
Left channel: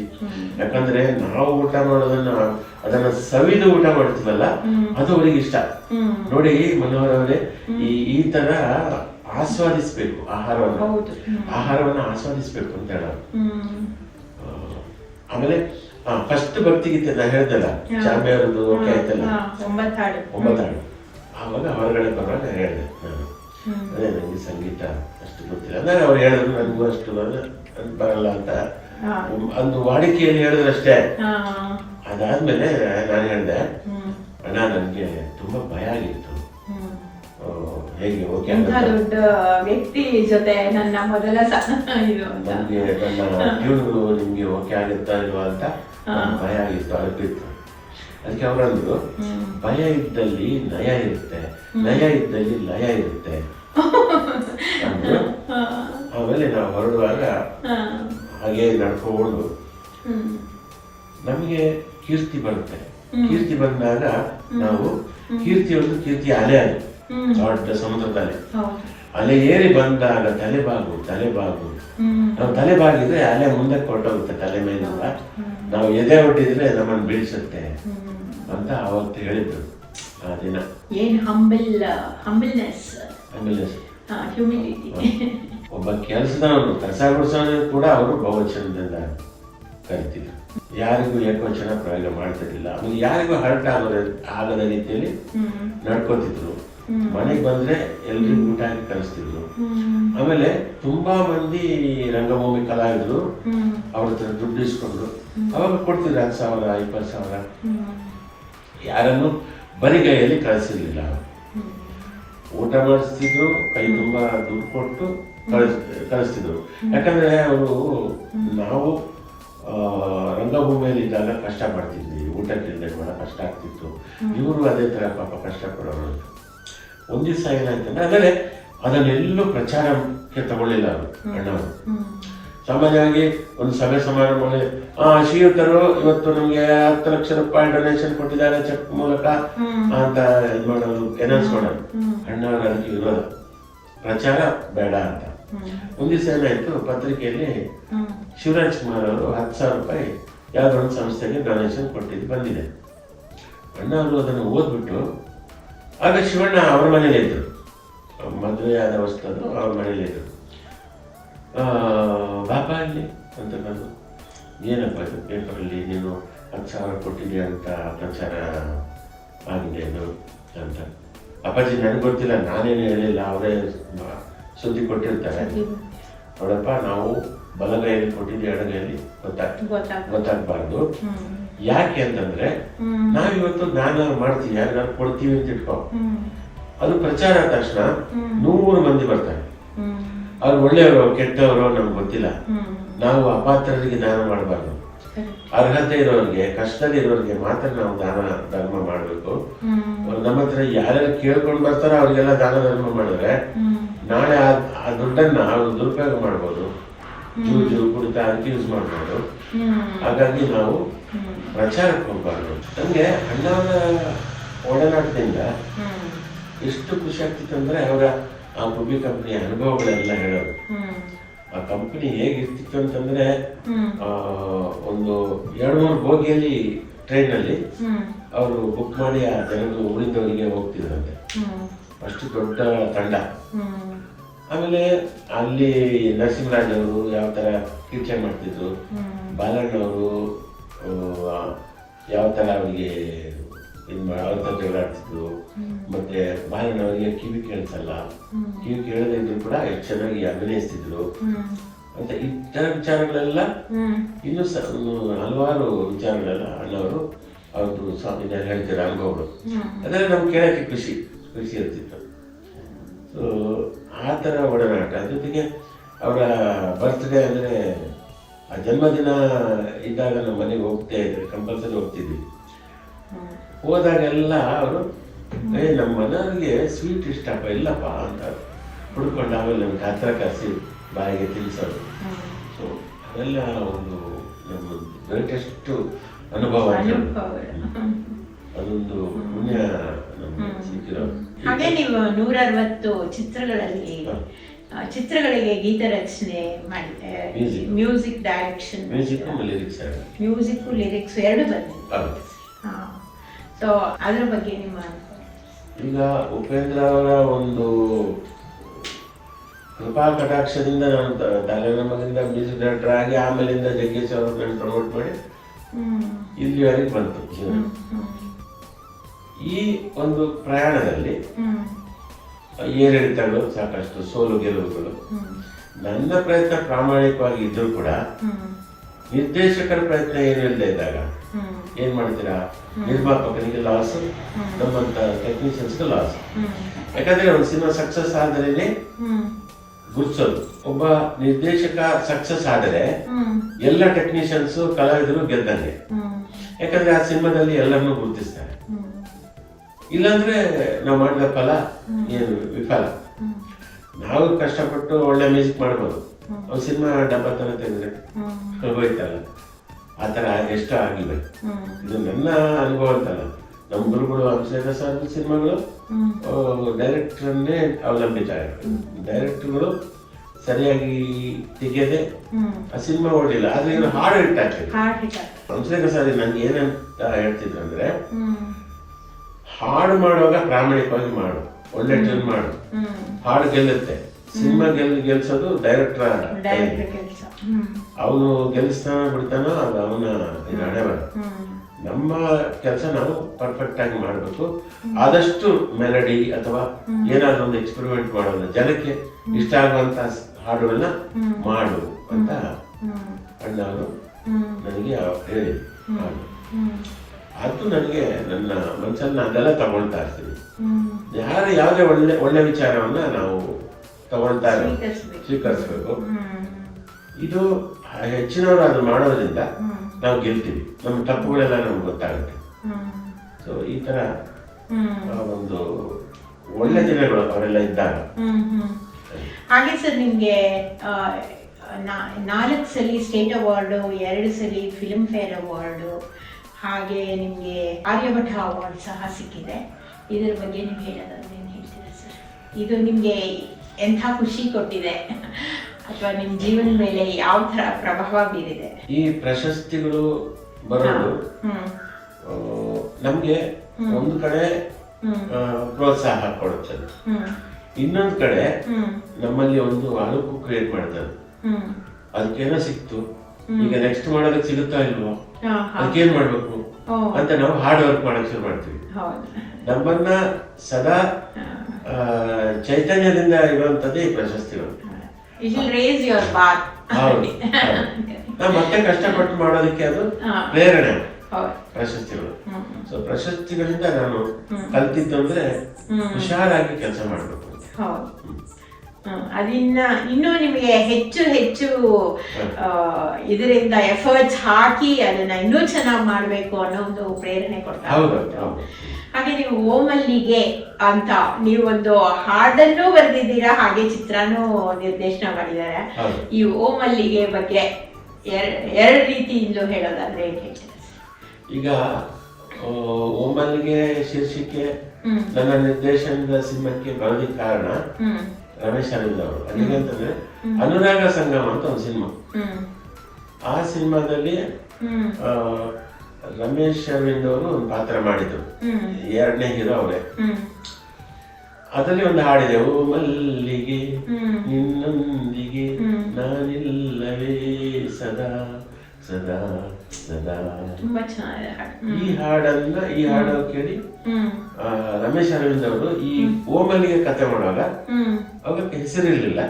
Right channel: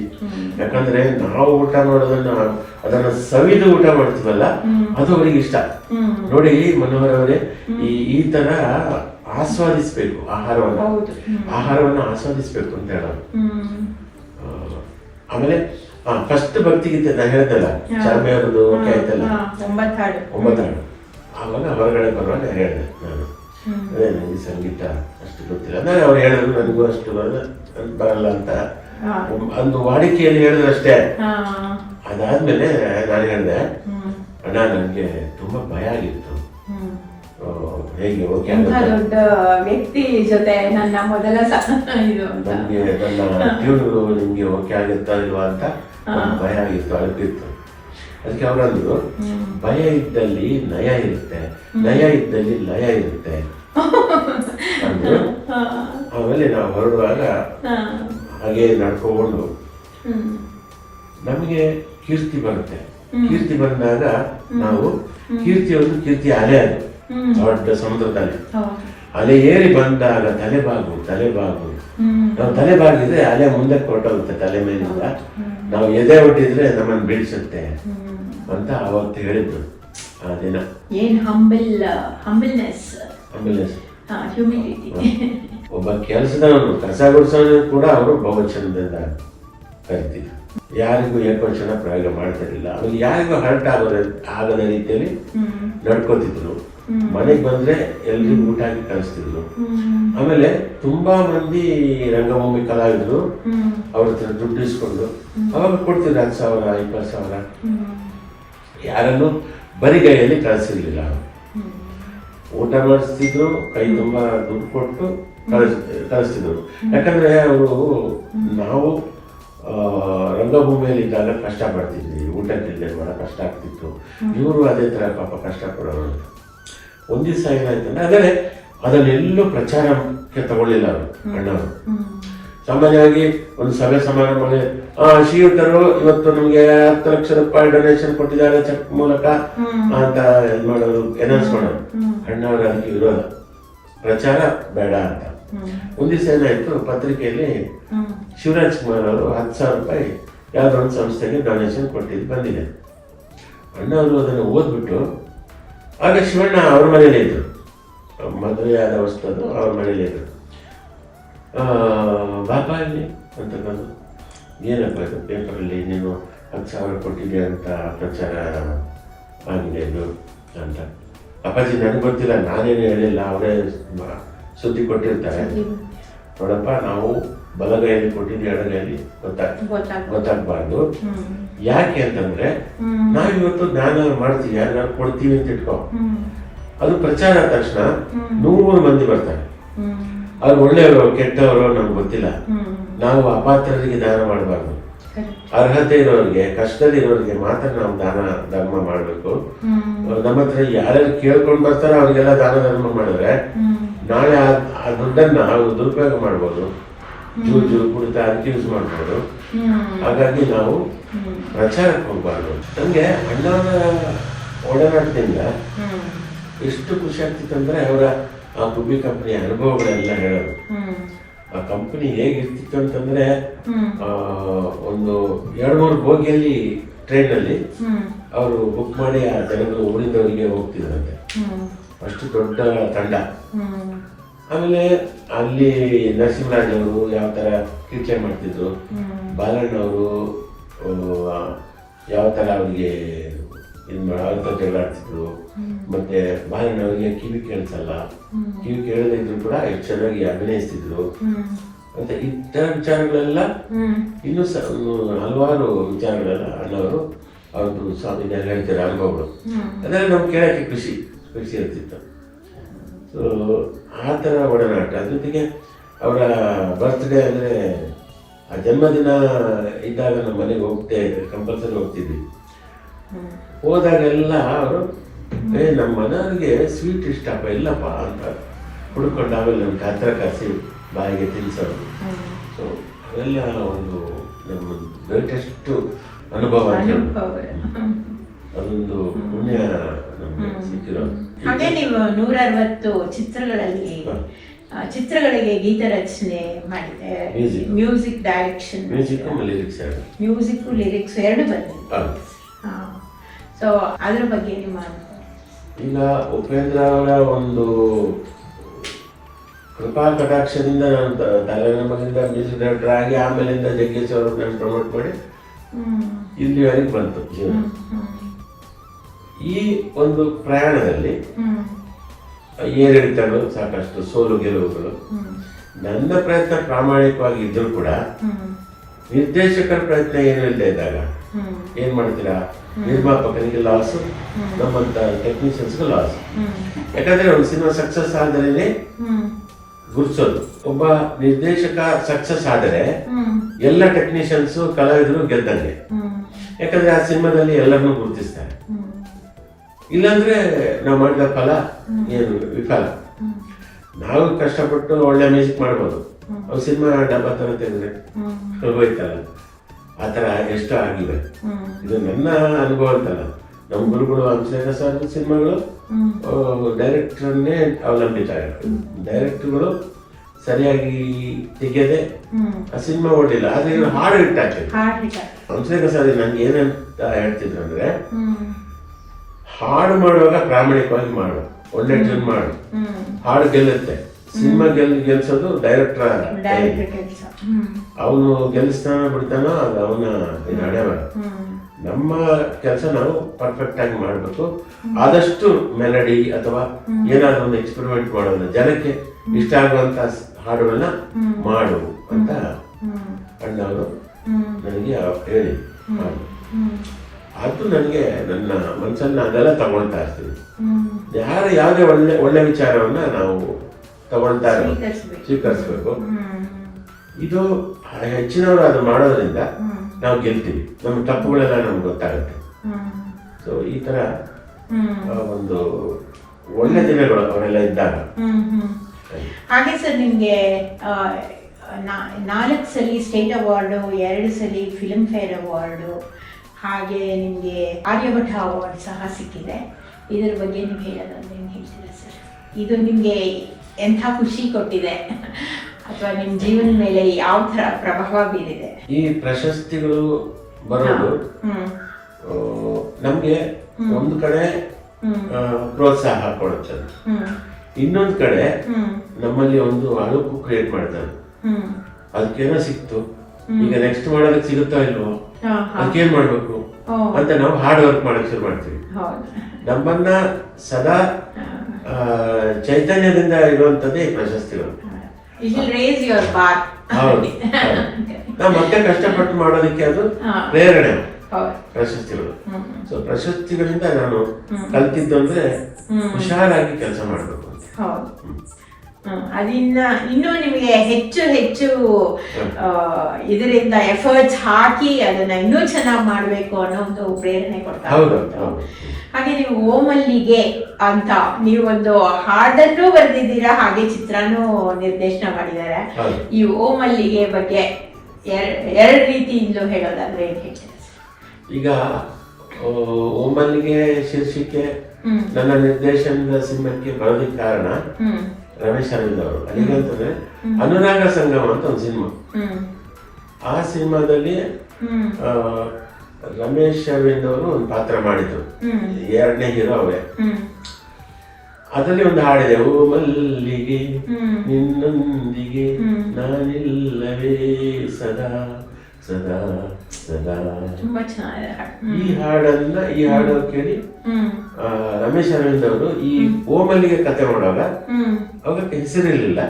ಯಾಕಂದ್ರೆ ನಾವು ಊಟ ಮಾಡೋದನ್ನ ಅದನ್ನ ಸವಿದು ಊಟ ಮಾಡ್ತೀವಲ್ಲ, ಅದು ಅವ್ರಿಗೆ ಇಷ್ಟ. ನೋಡಿ ಮನೋಹರವರೇ, ಈ ತರ ಆಸ್ವಾದಿಸ್ಬೇಕು ಆಹಾರವನ್ನ ಆಸ್ವಾದಿಸ್ಬೇಕು ಅಂತ ಹೇಳೋದು. ಆಮೇಲೆ ಫಸ್ಟ್ ಭಕ್ತಿಗೀತೆ ನಾ ಹೇಳ್ತಲ್ಲ, ಚಾಮಿಯವ್ರದ್ದು ಆಯ್ತಲ್ಲ 9 ಹಾಡು. ಆವಾಗ ಹೊರಗಡೆ ಬರುವಾಗ ಹೇಳಿದೆ ನಾನು, ಅದೇ ನನಗೆ ಸಂಗೀತ ಅಷ್ಟು ಗೊತ್ತಿಲ್ಲ ಅಂದ್ರೆ ಅವ್ರು ಹೇಳಿದ್ರು, ನನಗೂ ಅಷ್ಟು ಬರಲ್ಲ ಅಂತ ಒಂದು ವಾಡಿಕೆಯಲ್ಲಿ ಹೇಳಿದ್ರಷ್ಟೇ. ಅದಾದ್ಮೇಲೆ ನಾನು ಹೇಳಿದೆ, ಅಣ್ಣ ನನಗೆ ತುಂಬಾ ಭಯ ಆಗಿತ್ತು, ಹೇಗೆ ಓಕೆ ದೊಡ್ಡ ವ್ಯಕ್ತಿ ಜೊತೆ ನನ್ನ ಮೊದಲ ನನಗೆ ನನ್ನ ಟ್ಯೂನ್ಗಳು ನಿಮ್ಗೆ ಓಕೆ ಆಗುತ್ತಾ ಇಲ್ವಾ ಅಂತ ಭಯ ಆಗಿತ್ತು, ಅಳುತ್ತಿತ್ತು. ಅದಕ್ಕೆ ಅವರಂದ್ರು, ಭಯ ಇದ್ದಲ್ಲಿ ನಯ ಇರುತ್ತೆ, ನಯ ಇದ್ದಲ್ಲಿ ಲಯ ಇರುತ್ತೆ ಅಂದ್ರು. ಆಮೇಲೆ ನಾವು ಹೊರಡುವಾಗ ಹಾಗೆ ನಡ್ಕೊಂಡು ನಮಗೆ ಕೀರ್ತಿ ಬರುತ್ತೆ. ಕೀರ್ತಿ ಬಂದಾಗ ನಾವು ಕೀರ್ತಿ ಅಲೆ, ಅದು ದೊಡ್ಡ ಸಮುದ್ರದಲ್ಲಿ ಅಲೆ ಏರಿ ಬಂದಾಗ ತಲೆಬಾಗು ನಾವು ತಲೆಬಾಗಿದ್ರೆ ಅಲೆ ಮುಂದೆ ಕೊಟ್ಟೋಗುತ್ತೆ ತಲೆ ಮೇಲಿಂದ. ನಾವು ಎದೆ ಹುಟ್ಟಿದ್ರೆ ನಮ್ಮನ್ನು ಬೀಳ್ಸುತ್ತೆ ಅಂತ ಅವತ್ತು ಹೇಳಿದ್ರು ಆ ದಿನ. ಏನ್ ಹಂಬಲ್ನೆಸ್, ಹ್ಯೂಮಿಲಿಟಿ. ಒಬ್ಬ ಕೆಲಸದವನು ಕಸ ಗುಡಿಸೋನು ಕೂಡ ಅವರು ಬಹುವಚನದಿಂದ ಕರಿತಿದ್ರು. ಯಾರಿಗೂ ಏಕವಚನ ಪ್ರಯೋಗ ಮಾಡ್ತಿರ್ಲಿಲ್ಲ. ಅವ್ರು ಯಾರಿಗೂ ಹರ್ಟ್ ಆಗದ ರೀತಿಯಲ್ಲಿ ನಡ್ಕೋತಿದ್ರು. ಮನೆಗೆ ಬಂದ್ರೆ ಎಲ್ರಿಗೂ ಊಟ ಹಾಕಿ ಕಳಿಸ್ತಿದ್ರು. ಆಮೇಲೆ ತುಂಬಾ ಮಂದಿ ರಂಗಭೂಮಿ ಕಲಾವಿದರು ಅವ್ರ ಹತ್ರ ದುಡ್ಡು ಇಸ್ಕೊಂಡು ಅವಾಗ ಕೊಡ್ತಿದ್ರು 10,000 20,000. ಯಾರನ್ನು ಬರಿಗೈಯಲ್ಲಿ ಕಳಿಸಿರ್ಲಿಲ್ಲ. ಊಟ ಮಾಡಿಸ್ತಿದ್ರು, ಕೈ ತುಂಬಾ ದುಡ್ಡು ಕೊಟ್ಟು ಕಳಿಸ್ತಿದ್ರು. ಯಾಕಂದ್ರೆ ಅವರು ನಾವು ರಂಗಭೂಮಿಯಲ್ಲಿ ಇದ್ದಾಗ ಕಷ್ಟ ಪಡ್ತಿದ್ವಿ, ಊಟಕ್ಕಿಲ್ಲದೆ ಬಹಳ ಕಷ್ಟ ಆಗ್ತಿತ್ತು. ಇವರು ಅದೇ ತರ ಪಾಪ ಕಷ್ಟಪಡೋರು. ಒಂದ್ ದಿವಸ ಏನಾಯ್ತಂದ್ರೆ ಆದರೆ ಅದನ್ನೆಲ್ಲೂ ಪ್ರಚಾರಕ್ಕೆ ತಗೊಳ್ಳಿಲ್ಲ ಅವರು ಅಣ್ಣವರು. ಸಾಮಾನ್ಯವಾಗಿ ಒಂದು ಸಭೆ ಸಮಾರಂಭ ಶ್ರೀಯುತರು ಇವತ್ತು ನಮ್ಗೆ 10 ಲಕ್ಷ ರೂಪಾಯಿ ಡೊನೇಷನ್ ಕೊಟ್ಟಿದ್ದಾರೆ ಚೆಕ್ ಮೂಲಕ ಅಂತ ಇದು ಮಾಡೋದು, ಅನೌನ್ಸ್ ಮಾಡೋದು. ಅಣ್ಣವರು ಅದಕ್ಕೆ ವಿರೋಧ, ಪ್ರಚಾರ ಬೇಡ ಅಂತ. ಒಂದ್ ದಿವಸ ಏನಾಯ್ತು, ಪತ್ರಿಕೆಯಲ್ಲಿ ಶಿವರಾಜ್ ಕುಮಾರ್ ಅವರು 10,000 ರೂಪಾಯಿ ಯಾವ್ದೋ ಒಂದು ಸಂಸ್ಥೆಗೆ ಡೊನೇಷನ್ ಕೊಟ್ಟಿದ್ದು ಬಂದಿದೆ. ಅಣ್ಣವರು ಅದನ್ನು ಓದ್ಬಿಟ್ಟು, ಆಗ ಶಿವಣ್ಣ ಅವ್ರ ಮನೇಲಿ ಇದ್ರು, ಮದುವೆ ಆದ ವಸ್ತುದು ಅವ್ರ ಮನೇಲಿ ಇದ್ರು. ಬಾಬಾ ಇಲ್ಲಿ ಅಂತ ಬಂದು, ಏನಪ್ಪ ಇದು ಪೇಪರಲ್ಲಿ ನೀನು 10,000 ಕೊಟ್ಟಿದೆ ಅಂತ ಪ್ರಚಾರ ಆಗಿದೆ ಇದು ಅಂತ. ಅಪ್ಪಾಜಿ ನನಗೆ ಗೊತ್ತಿಲ್ಲ, ನಾನೇನು ಹೇಳಿಲ್ಲ, ಅವರೇ ಸುದ್ದಿ ಕೊಟ್ಟಿರ್ತಾರೆ. ನೋಡಪ್ಪ, ನಾವು ಬಲಗೈಯಲ್ಲಿ ಕೊಟ್ಟಿದ್ದೆ, ಎಡಗೈಯಲ್ಲಿ ಗೊತ್ತಾಗಬಾರ್ದು. ಯಾಕೆ ಅಂತಂದ್ರೆ ನಾವಿವತ್ತು ದಾನ ಮಾಡ್ತೀವಿ, ಯಾರು ಕೊಡ್ತೀವಿ ಅಂತ ಇಟ್ಕೋ, ಅದು ಪ್ರಚಾರ ಆದ ತಕ್ಷಣ 100 ಮಂದಿ ಬರ್ತಾರೆ. ಅವ್ರು ಒಳ್ಳೆಯವರು ಕೆಟ್ಟವರು ನಮ್ಗೆ ಗೊತ್ತಿಲ್ಲ. ನಾವು ಅಪಾತ್ರರಿಗೆ ದಾನ ಮಾಡಬಾರ್ದು. ಅರ್ಹತೆ ಇರೋರಿಗೆ, ಕಷ್ಟದಿರೋರಿಗೆ ಮಾತ್ರ ನಾವು ದಾನ ಧರ್ಮ ಮಾಡಬೇಕು. ನಮ್ಮ ಹತ್ರ ಯಾರ್ಯಾರು ಕೇಳ್ಕೊಂಡು ಬರ್ತಾರೋ ಅವ್ರಿಗೆಲ್ಲ ದಾನ ಧರ್ಮ ಮಾಡಿದ್ರೆ ನಾಳೆ ಆ ದುಡ್ಡನ್ನ ಅವರು ದುರುಪಯೋಗ ಮಾಡ್ಬೋದು, ಜೂಜು ಕುಡಿತ ಅದಕ್ಕೆ ಯೂಸ್ ಮಾಡ್ಬೋದು. ಹಾಗಾಗಿ ನಾವು ಪ್ರಚಾರಕ್ಕೆ ಹೋಗ್ಬಾರ್ದು. ನಮ್ಗೆ ಅಣ್ಣವರ ಒಡನಾಟದಿಂದ ಎಷ್ಟು ಖುಷಿ ಆಗ್ತಿತ್ತು ಅಂದ್ರೆ ಅವರ ಆ ಗುಬ್ಬಿ ಕಂಪನಿಯ ಅನುಭವಗಳೆಲ್ಲ ಹೇಳೋದು. ಆ ಕಂಪನಿ ಹೇಗಿರ್ತಿತ್ತು ಅಂತಂದ್ರೆ ಒಂದು 2-3 ಬೋಗಿಯಲ್ಲಿ ಟ್ರೈನ್ ಅಲ್ಲಿ ಅವರು ಬುಕ್ ಮಾಡಿ ಆ ಜನರು ಉಳಿದವರಿಗೆ ಹೋಗ್ತಿದ್ರಂತೆ. ಅಷ್ಟು ದೊಡ್ಡ ತಂಡ. ಆಮೇಲೆ ಅಲ್ಲಿ ನರಸಿಂಹರಾಜ್ ಅವರು ಯಾವ ತರ ಟೀಚರ್ ಮಾಡ್ತಿದ್ರು, ಬಾಲಣ್ಣವರು ಯಾವ ತರ ಅವರಿಗೆ ಜಗಳಾಡ್ತಿದ್ರು. ಮತ್ತೆ ಬಾಲಣ್ಣವರಿಗೆ ಕಿವಿ ಕೇಳಿಸಲ್ಲ, ಕಿವಿ ಕೇಳದೇ ಇದ್ರು ಕೂಡ ಎಷ್ಟು ಚೆನ್ನಾಗಿ ಅಭಿನಯಿಸ್ತಿದ್ರು. ಮತ್ತೆ ಇತರ ವಿಚಾರಗಳೆಲ್ಲ ಇನ್ನೂ ಹಲವಾರು ವಿಚಾರಗಳೆಲ್ಲ ಅಣ್ಣವರು ಅವ್ರದ್ದು ಸ್ವಾಮಿ ಹೇಳ್ತಾರೆ ಅನುಭವಗಳು. ಅದೆಲ್ಲ ನಾವು ಕೇಳಕ್ಕೆ ಖುಷಿ ಇರ್ತಿತ್ತು. ಸೊ ಆ ಥರ ಒಡನಾಟ. ಜೊತೆಗೆ ಅವರ ಬರ್ತ್ಡೇ ಅಂದರೆ ಆ ಜನ್ಮದಿನ ಇದ್ದಾಗ ನಮ್ಮ ಮನೆಗೆ ಕಂಪಲ್ಸರಿ ಹೋಗ್ತಿದ್ವಿ. ಹೋದಾಗೆಲ್ಲ ಅವರು ನಮ್ಮ ಮನೆಯವ್ರಿಗೆ ಸ್ವೀಟ್ ಇಷ್ಟಪ್ಪ ಇಲ್ಲಪ್ಪ ಅಂತ ಹುಡ್ಕೊಂಡು ಆಮೇಲೆ ನಮ್ಮ ಕಾತರ ಕಾಸಿ ಬಾಯಿಗೆ ತಿಳಿಸೋದು. ಸೊ ಅವೆಲ್ಲ ಒಂದು ನಮ್ಮ ಗ್ರೇಟೆಸ್ಟ್ ಅನುಭವ. ಅದೊಂದು ಪುಣ್ಯ ನಮಗೆ ಸಿಕ್ಕಿರೋದು. ಹಾಗೆ ನೀವು 160 ಚಿತ್ರಗಳಿಗೆ ಗೀತ ರಚನೆ ಮಾಡಿದೆ, ಮ್ಯೂಸಿಕ್ ಡೈರೆಕ್ಷನ್, ಮ್ಯೂಸಿಕ್ ಲಿರಿಕ್ಸ್ 2 ಬಂದಿದೆ. ಸೊ ಅದ್ರ ಬಗ್ಗೆ ನಿಮ್ಮ ಈಗ ಉಪೇಂದ್ರ ಅವರ ಒಂದು ಕೃಪಾ ಕಟಾಕ್ಷದಿಂದ ನಾನು ತಲೆನಮ್ಮಿಂದ ಮ್ಯೂಸಿಕ್ ಡೈರೆಕ್ಟರ್ ಆಗಿ ಆಮೇಲಿಂದ ಜಗ್ಗೇಶ್ ಅವರು ನಾನು ಪ್ರಮೋಟ್ ಮಾಡಿ ಇಲ್ಲಿವರೆಗೆ ಬಂತು ಜೀವನ. ಈ ಒಂದು ಪ್ರಯಾಣದಲ್ಲಿ ಏರಿಳಿತಗಳು, ಸಾಕಷ್ಟು ಸೋಲು ಗೆಲುವುಗಳು. ನನ್ನ ಪ್ರಯತ್ನ ಪ್ರಾಮಾಣಿಕವಾಗಿ ಇದ್ರೂ ಕೂಡ ನಿರ್ದೇಶಕರ ಪ್ರಯತ್ನ ಏನು ಇಲ್ಲದೆ ಇದ್ದಾಗ ಏನ್ ಮಾಡ್ತೀರಾ, ನಿರ್ಮಾಪಕರಿಗೆ ಲಾಸ್, ನಮ್ಮಂತ ಟೆಕ್ನಿಷಿಯನ್ಸ್ಗೆ ಲಾಸ್. ಯಾಕಂದ್ರೆ ಒಂದು ಸಿನಿಮಾ ಸಕ್ಸಸ್ ಆದ್ರೆ ಗುರ್ಸೋದು. ಒಬ್ಬ ನಿರ್ದೇಶಕ ಸಕ್ಸಸ್ ಆದರೆ ಎಲ್ಲ ಟೆಕ್ನಿಷಿಯನ್ಸ್ ಕಲಾವಿದರು ಗೆದ್ದಂಗೆ. ಯಾಕಂದ್ರೆ ಆ ಸಿನಿಮಾದಲ್ಲಿ ಎಲ್ಲರನ್ನೂ ಗುರುತಿಸ್ತಾರೆ. ಇಲ್ಲಾಂದ್ರೆ ನಾವು ಮಾಡಿದ ಫಲ ಏನು ವಿಫಲ. ನಾವು ಕಷ್ಟಪಟ್ಟು ಒಳ್ಳೆ ಮ್ಯೂಸಿಕ್ ಮಾಡ್ಬೋದು, ಅವ್ರು ಸಿನಿಮಾ ಡಬ್ಬ ತರ ತೆಗೆದ್ರೆ ಹೋಯ್ತಲ್ಲ. ಆ ಥರ ಎಷ್ಟು ಆಗಿದೆ. ಇದು ನನ್ನ ಅನುಭವ ಅಂತಲ್ಲ, ನಮ್ಮ ಗುರುಗಳು ಅಭಿಷೇಕ ಸರ್ ಸಿನಿಮಾಗಳು ಡೈರೆಕ್ಟರ್ನೇ ಅವಲಂಬಿತ. ಡೈರೆಕ್ಟರ್ಗಳು ಸರಿಯಾಗಿ ತೆಗೆಯದೆ ಆ ಸಿನಿಮಾ ಓಡಲಿಲ್ಲ, ಆದ್ರೆ ಇವರು ಹಾಡು ಹಿಟ್ ಆಗ್ತದೆ. ಹಂಸಲೇಖ ನನ್ಗೆ ಏನಂತ ಹೇಳ್ತಿದ್ರು ಅಂದ್ರೆ, ಹಾಡು ಮಾಡುವಾಗ ಪ್ರಾಮಾಣಿಕವಾಗಿ ಮಾಡು, ಒಳ್ಳೆ ಟ್ಯೂನ್ ಮಾಡು, ಹಾಡು ಗೆಲ್ಲುತ್ತೆ. ಸಿನಿಮಾ ಗೆಲ್ಸೋದು ಡೈರೆಕ್ಟರ್ ಕೆಲಸ. ಅವನು ಗೆಲ್ಲಿಸ್ತಾನ ಬಿಡ್ತಾನೋ ಅದು ಅವನ ಹಣೆ ಮಾಡ. ನಮ್ಮ ಕೆಲಸ ನಾವು ಪರ್ಫೆಕ್ಟ್ ಆಗಿ ಮಾಡ್ಬೇಕು. ಆದಷ್ಟು ಮೆಲಡಿ ಅಥವಾ ಏನಾದ್ರು ಒಂದು ಎಕ್ಸ್ಪೆರಿಮೆಂಟ್ ಮಾಡೋದು, ಜನಕ್ಕೆ ಇಷ್ಟ ಆಗುವಂತ ಹಾಡುಗಳನ್ನ ಮಾಡು ಅಂತ ಅಣ್ಣವರು ನನಗೆ ಹೇಳಿ. ಅದು ನನಗೆ ನನ್ನ ಮನಸ್ಸಲ್ಲಿ ನಾನೆಲ್ಲ ತಗೊಳ್ತಾ ಇರ್ತೀವಿ. ಯಾವುದೇ ಒಳ್ಳೆ ವಿಚಾರವನ್ನ ನಾವು ತಗೊಳ್ತಾ ಸ್ವೀಕರಿಸ್ಬೇಕು. ಇದು ಹೆಚ್ಚಿನವರು ಅದು ಮಾಡೋದ್ರಿಂದ ನಾವು ಗೆಲ್ತೀವಿ, ನಮ್ಮ ತಪ್ಪುಗಳೆಲ್ಲ ನಮ್ಗೆ ಗೊತ್ತಾಗುತ್ತೆ. ಸೊ ಈ ತರ ಒಂದು ಒಳ್ಳೆ ದಿನಗಳು ಅವರೆಲ್ಲ ಇದ್ದಾಗ. ಹಾಗೆ ಸರ್, ನಿಮ್ಗೆ 4 ಸಲ ಸ್ಟೇಟ್ ಅವಾರ್ಡು, 2 ಸಲ ಫಿಲ್ಮ್ ಫೇರ್ ಅವಾರ್ಡು, ಹಾಗೆ ನಿಮ್ಗೆ ಆರ್ಯಭಟ ಅವಾರ್ಡ್ ಸಹ ಸಿಕ್ಕಿದೆ. ಇದರ ಬಗ್ಗೆ ನೀವು ಹೇಳೋದಂದ್ರೆ ಏನು ಹೇಳ್ತೀರಾ ಸರ್? ಇದು ನಿಮ್ಗೆ ಎಂಥ ಖುಷಿ ಕೊಟ್ಟಿದೆ ಅಥವಾ ನಿಮ್ಮ ಜೀವನ ಮೇಲೆ ಯಾವ ತರ ಪ್ರಭಾವ ಬೀರಿದೆ? ಈ ಪ್ರಶಸ್ತಿಗಳು ಬರೋದು ನಮ್ಗೆ ಒಂದು ಕಡೆ ಪ್ರೋತ್ಸಾಹ ಕೊಡುತ್ತೆ, ಇನ್ನೊಂದು ಕಡೆ ನಮ್ಮಲ್ಲಿ ಒಂದು ಅಳುಕು ಕ್ರಿಯೇಟ್ ಮಾಡ್ತಾರೆ. ಅದಕ್ಕೇನೋ ಸಿಕ್ತು, ಈಗ ನೆಕ್ಸ್ಟ್ ಮಾಡೋದಕ್ಕೆ ಸಿಗುತ್ತೋ ಇಲ್ವೋ, ಅದಕ್ಕೇನ್ ಮಾಡ್ಬೇಕು ಅಂತ ನಾವು ಹಾರ್ಡ್ ವರ್ಕ್ ಮಾಡಕ್ ಶುರು ಮಾಡ್ತೀವಿ. ನಮ್ಮನ್ನ ಸದಾ ಚೈತನ್ಯದಿಂದ ಇರುವಂತದ್ದೇ ಈ ಪ್ರಶಸ್ತಿಗಳು. ಹೌದು, ನಾವು ಮತ್ತೆ ಕಷ್ಟಪಟ್ಟು ಮಾಡೋದಕ್ಕೆ ಅದು ಪ್ರೇರಣೆ ಪ್ರಶಸ್ತಿಗಳು. ಸೊ ಪ್ರಶಸ್ತಿಗಳಿಂದ ನಾನು ಕಲ್ತಿದ್ದು ಅಂದ್ರೆ ಹುಷಾರಾಗಿ ಕೆಲಸ ಮಾಡಬೇಕು. ಅದನ್ನ ಇನ್ನೂ ನಿಮಗೆ ಹೆಚ್ಚು ಇದರಿಂದ ಎಫರ್ಟ್ಸ್ ಹಾಕಿ ಅದನ್ನ ಇನ್ನೂ ಚೆನ್ನಾಗಿ ಮಾಡ್ಬೇಕು ಅನ್ನೋ ಒಂದು ಪ್ರೇರಣೆ ಕೊಡ್ತಾ. ಹಾಗೆ ನೀವು ಓಮಲ್ಲಿಗೆ ಅಂತ ನೀವೊಂದು ಹಾಡನ್ನು ಬರೆದಿದ್ದೀರಾ, ಹಾಗೆ ಚಿತ್ರನೂ ನಿರ್ದೇಶನ ಮಾಡಿದ್ದಾರೆ. ಈ ಓಮಲ್ಲಿಗೆ ಬಗ್ಗೆ ಎರಡು ರೀತಿಯಿಂದಲೂ ಹೇಳೋದಾದ್ರೆ ಏನ್ ಹೇಳ್ತೀರಾ? ಈಗ ಓಮಲ್ಲಿಗೆ ಶೀರ್ಷಿಕೆ ನನ್ನ ನಿರ್ದೇಶನದ ಸಿನಿಮಾಕ್ಕೆ ಬರೋದಕ್ಕೆ ಕಾರಣ ರಮೇಶ್ ಅರವಿಂದ್ ಅವರು. ಅಲ್ಲಿಗಂತಂದ್ರೆ ಅನುರಾಗ ಸಂಗಮ ಅಂತ ಒಂದು ಸಿನಿಮಾ. ಆ ಸಿನಿಮಾದಲ್ಲಿ ರಮೇಶ್ ಅರವಿಂದ್ ಅವರು ಒಂದು ಪಾತ್ರ ಮಾಡಿದ್ರು, 2ನೇ ಹೀರೋ ಅವರೇ. ಅದರಲ್ಲಿ ಒಂದು ಹಾಡಿದೆ, ಓ ಮಲ್ಲಿಗೆ ನಿನ್ನೊಂದಿಗೆ ನಾನಿಲ್ಲವೇ ಸದಾ ಸದಾ ಸದಾ. ಈ ಹಾಡು ಕೇಳಿ ರಮೇಶ್ ಅರವಿಂದ್ ಅವರು ಈ ಓಮಲ್ಲಿಗೆ ಕತೆ ಮಾಡುವಾಗ ಅವಕ್ಕೆ ಹೆಸರಿರ್ಲಿಲ್ಲ,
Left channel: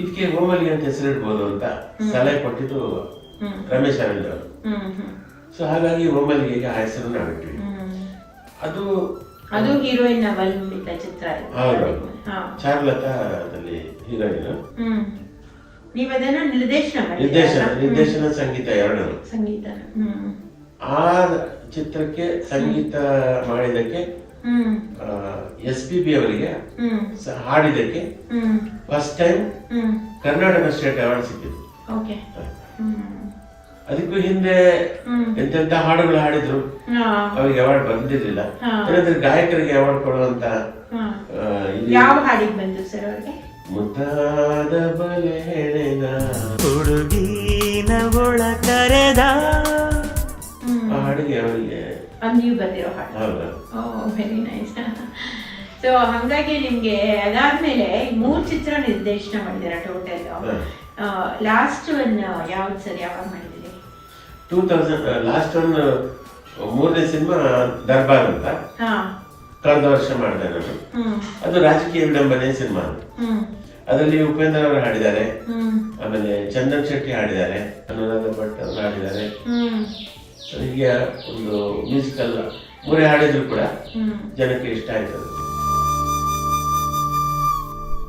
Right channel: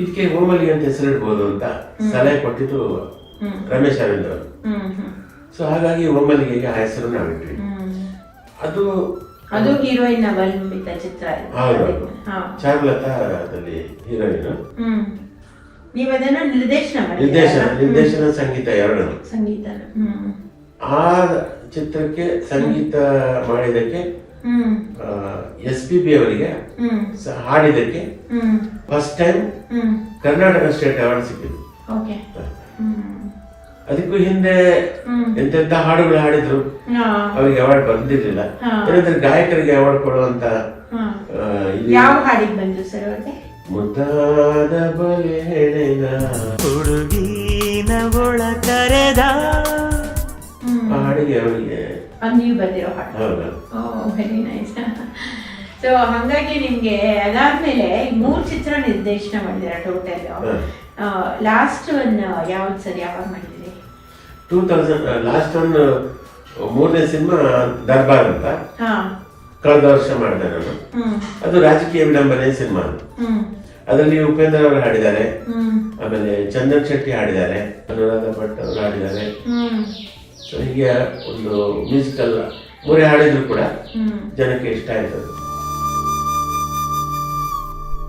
ಇದಕ್ಕೆ ಓಮಲ್ಲಿಗೆ ಅಂತ ಹೆಸರಿಡ್ಬೋದು ಅಂತ ಸಲಹೆ ಕೊಟ್ಟಿದ್ದು ರಮೇಶ್ ಅರವಿಂದ್ ಅವರು. ಸೊ ಹಾಗಾಗಿ ಓಮಲ್ಲಿಗೆ ಆ ಹೆಸರನ್ನ ಆಗ್ಬಿಟ್ವಿ. ಅದು ಹೀರೋಯಿನ್ ಅವಲಂಬಿತ ಚಿತ್ರ. ಚಾರುಲತಾ ಅದರಲ್ಲಿ ಹೀರೋಯಿನ್. ನೀವು ಅದನ್ನ ನಿರ್ದೇಶನ ಸಂಗೀತ ಎರಡನ್ನು. ಸಂಗೀತ ಆ ಚಿತ್ರಕ್ಕೆ ಸಂಗೀತ ಮಾಡಿದಕ್ಕೆ SPB ಅವರಿಗೆ ಹಾಡಿದಕ್ಕೆ first time Karnataka state award ಸಿಕ್ಕಿದೆ. ಅದಕ್ಕೂ ಹಿಂದೆ ಎಂತೆಂತ ಹಾಡುಗಳು ಹಾಡಿದ್ರು, ಅವರಿಗೆ ಅವಾರ್ಡ್ ಬಂದಿರಲಿಲ್ಲ. ಏನಂದ್ರೆ ಗಾಯಕರಿಗೆ ಅವಾರ್ಡ್ ಕೊಡುವಂತ ಯಾವ ಹಾಡಿಗೆ ಬಂದ್ರು ಸರ್ ಅವ್ರಿಗೆ? ಮುದ್ದಾದ ಬಲೆನ ಹುಡುಗಿನ ಒಳ ಕರೆದ ಹಾಡಿಗೆ ಅವರಿಗೆ ನೀವು ಬಂದಿರೋ ಹಾಡು. Very nice. ಸೊ ಹಾಗಾಗಿ ನಿಮ್ಗೆ ಅದಾದ್ಮೇಲೆ 3 ಚಿತ್ರ ನಿರ್ದೇಶನ ಮಾಡಿದಿರ ಟೋಟಲ್. ಲಾಸ್ಟ್ ಒನ್ ಯಾವ್ದು ಸರ್, ಯಾವಾಗ ಮಾಡಿದ್ರಿ? 2000 ಲಾಸ್ಟ್ ಒಂದು 3ನೇ ಸಿನಿಮಾ ದರ್ಬಾರ್ ಅಂತ ಕಳೆದ ವರ್ಷ ಮಾಡಿದೆ ನಾನು. ಅದು ರಾಜಕೀಯ ವಿಡಂಬನೆ ಸಿನಿಮಾ. ಅದರಲ್ಲಿ ಉಪೇಂದ್ರ ಅವರು ಹಾಡಿದ್ದಾರೆ, ಆಮೇಲೆ ಚಂದನ್ ಶೆಟ್ಟಿ ಹಾಡಿದ್ದಾರೆ, ಅನುರಾಧ ಭಟ್ ಅವರು ಹಾಡಿದ್ದಾರೆ. ಹೀಗೆ ಒಂದು ಮ್ಯೂಸಿಕಲ್ 3 ಹಾಡಿದ್ರು ಕೂಡ ಜನಕ್ಕೆ ಇಷ್ಟ ಆಯ್ತದೆ.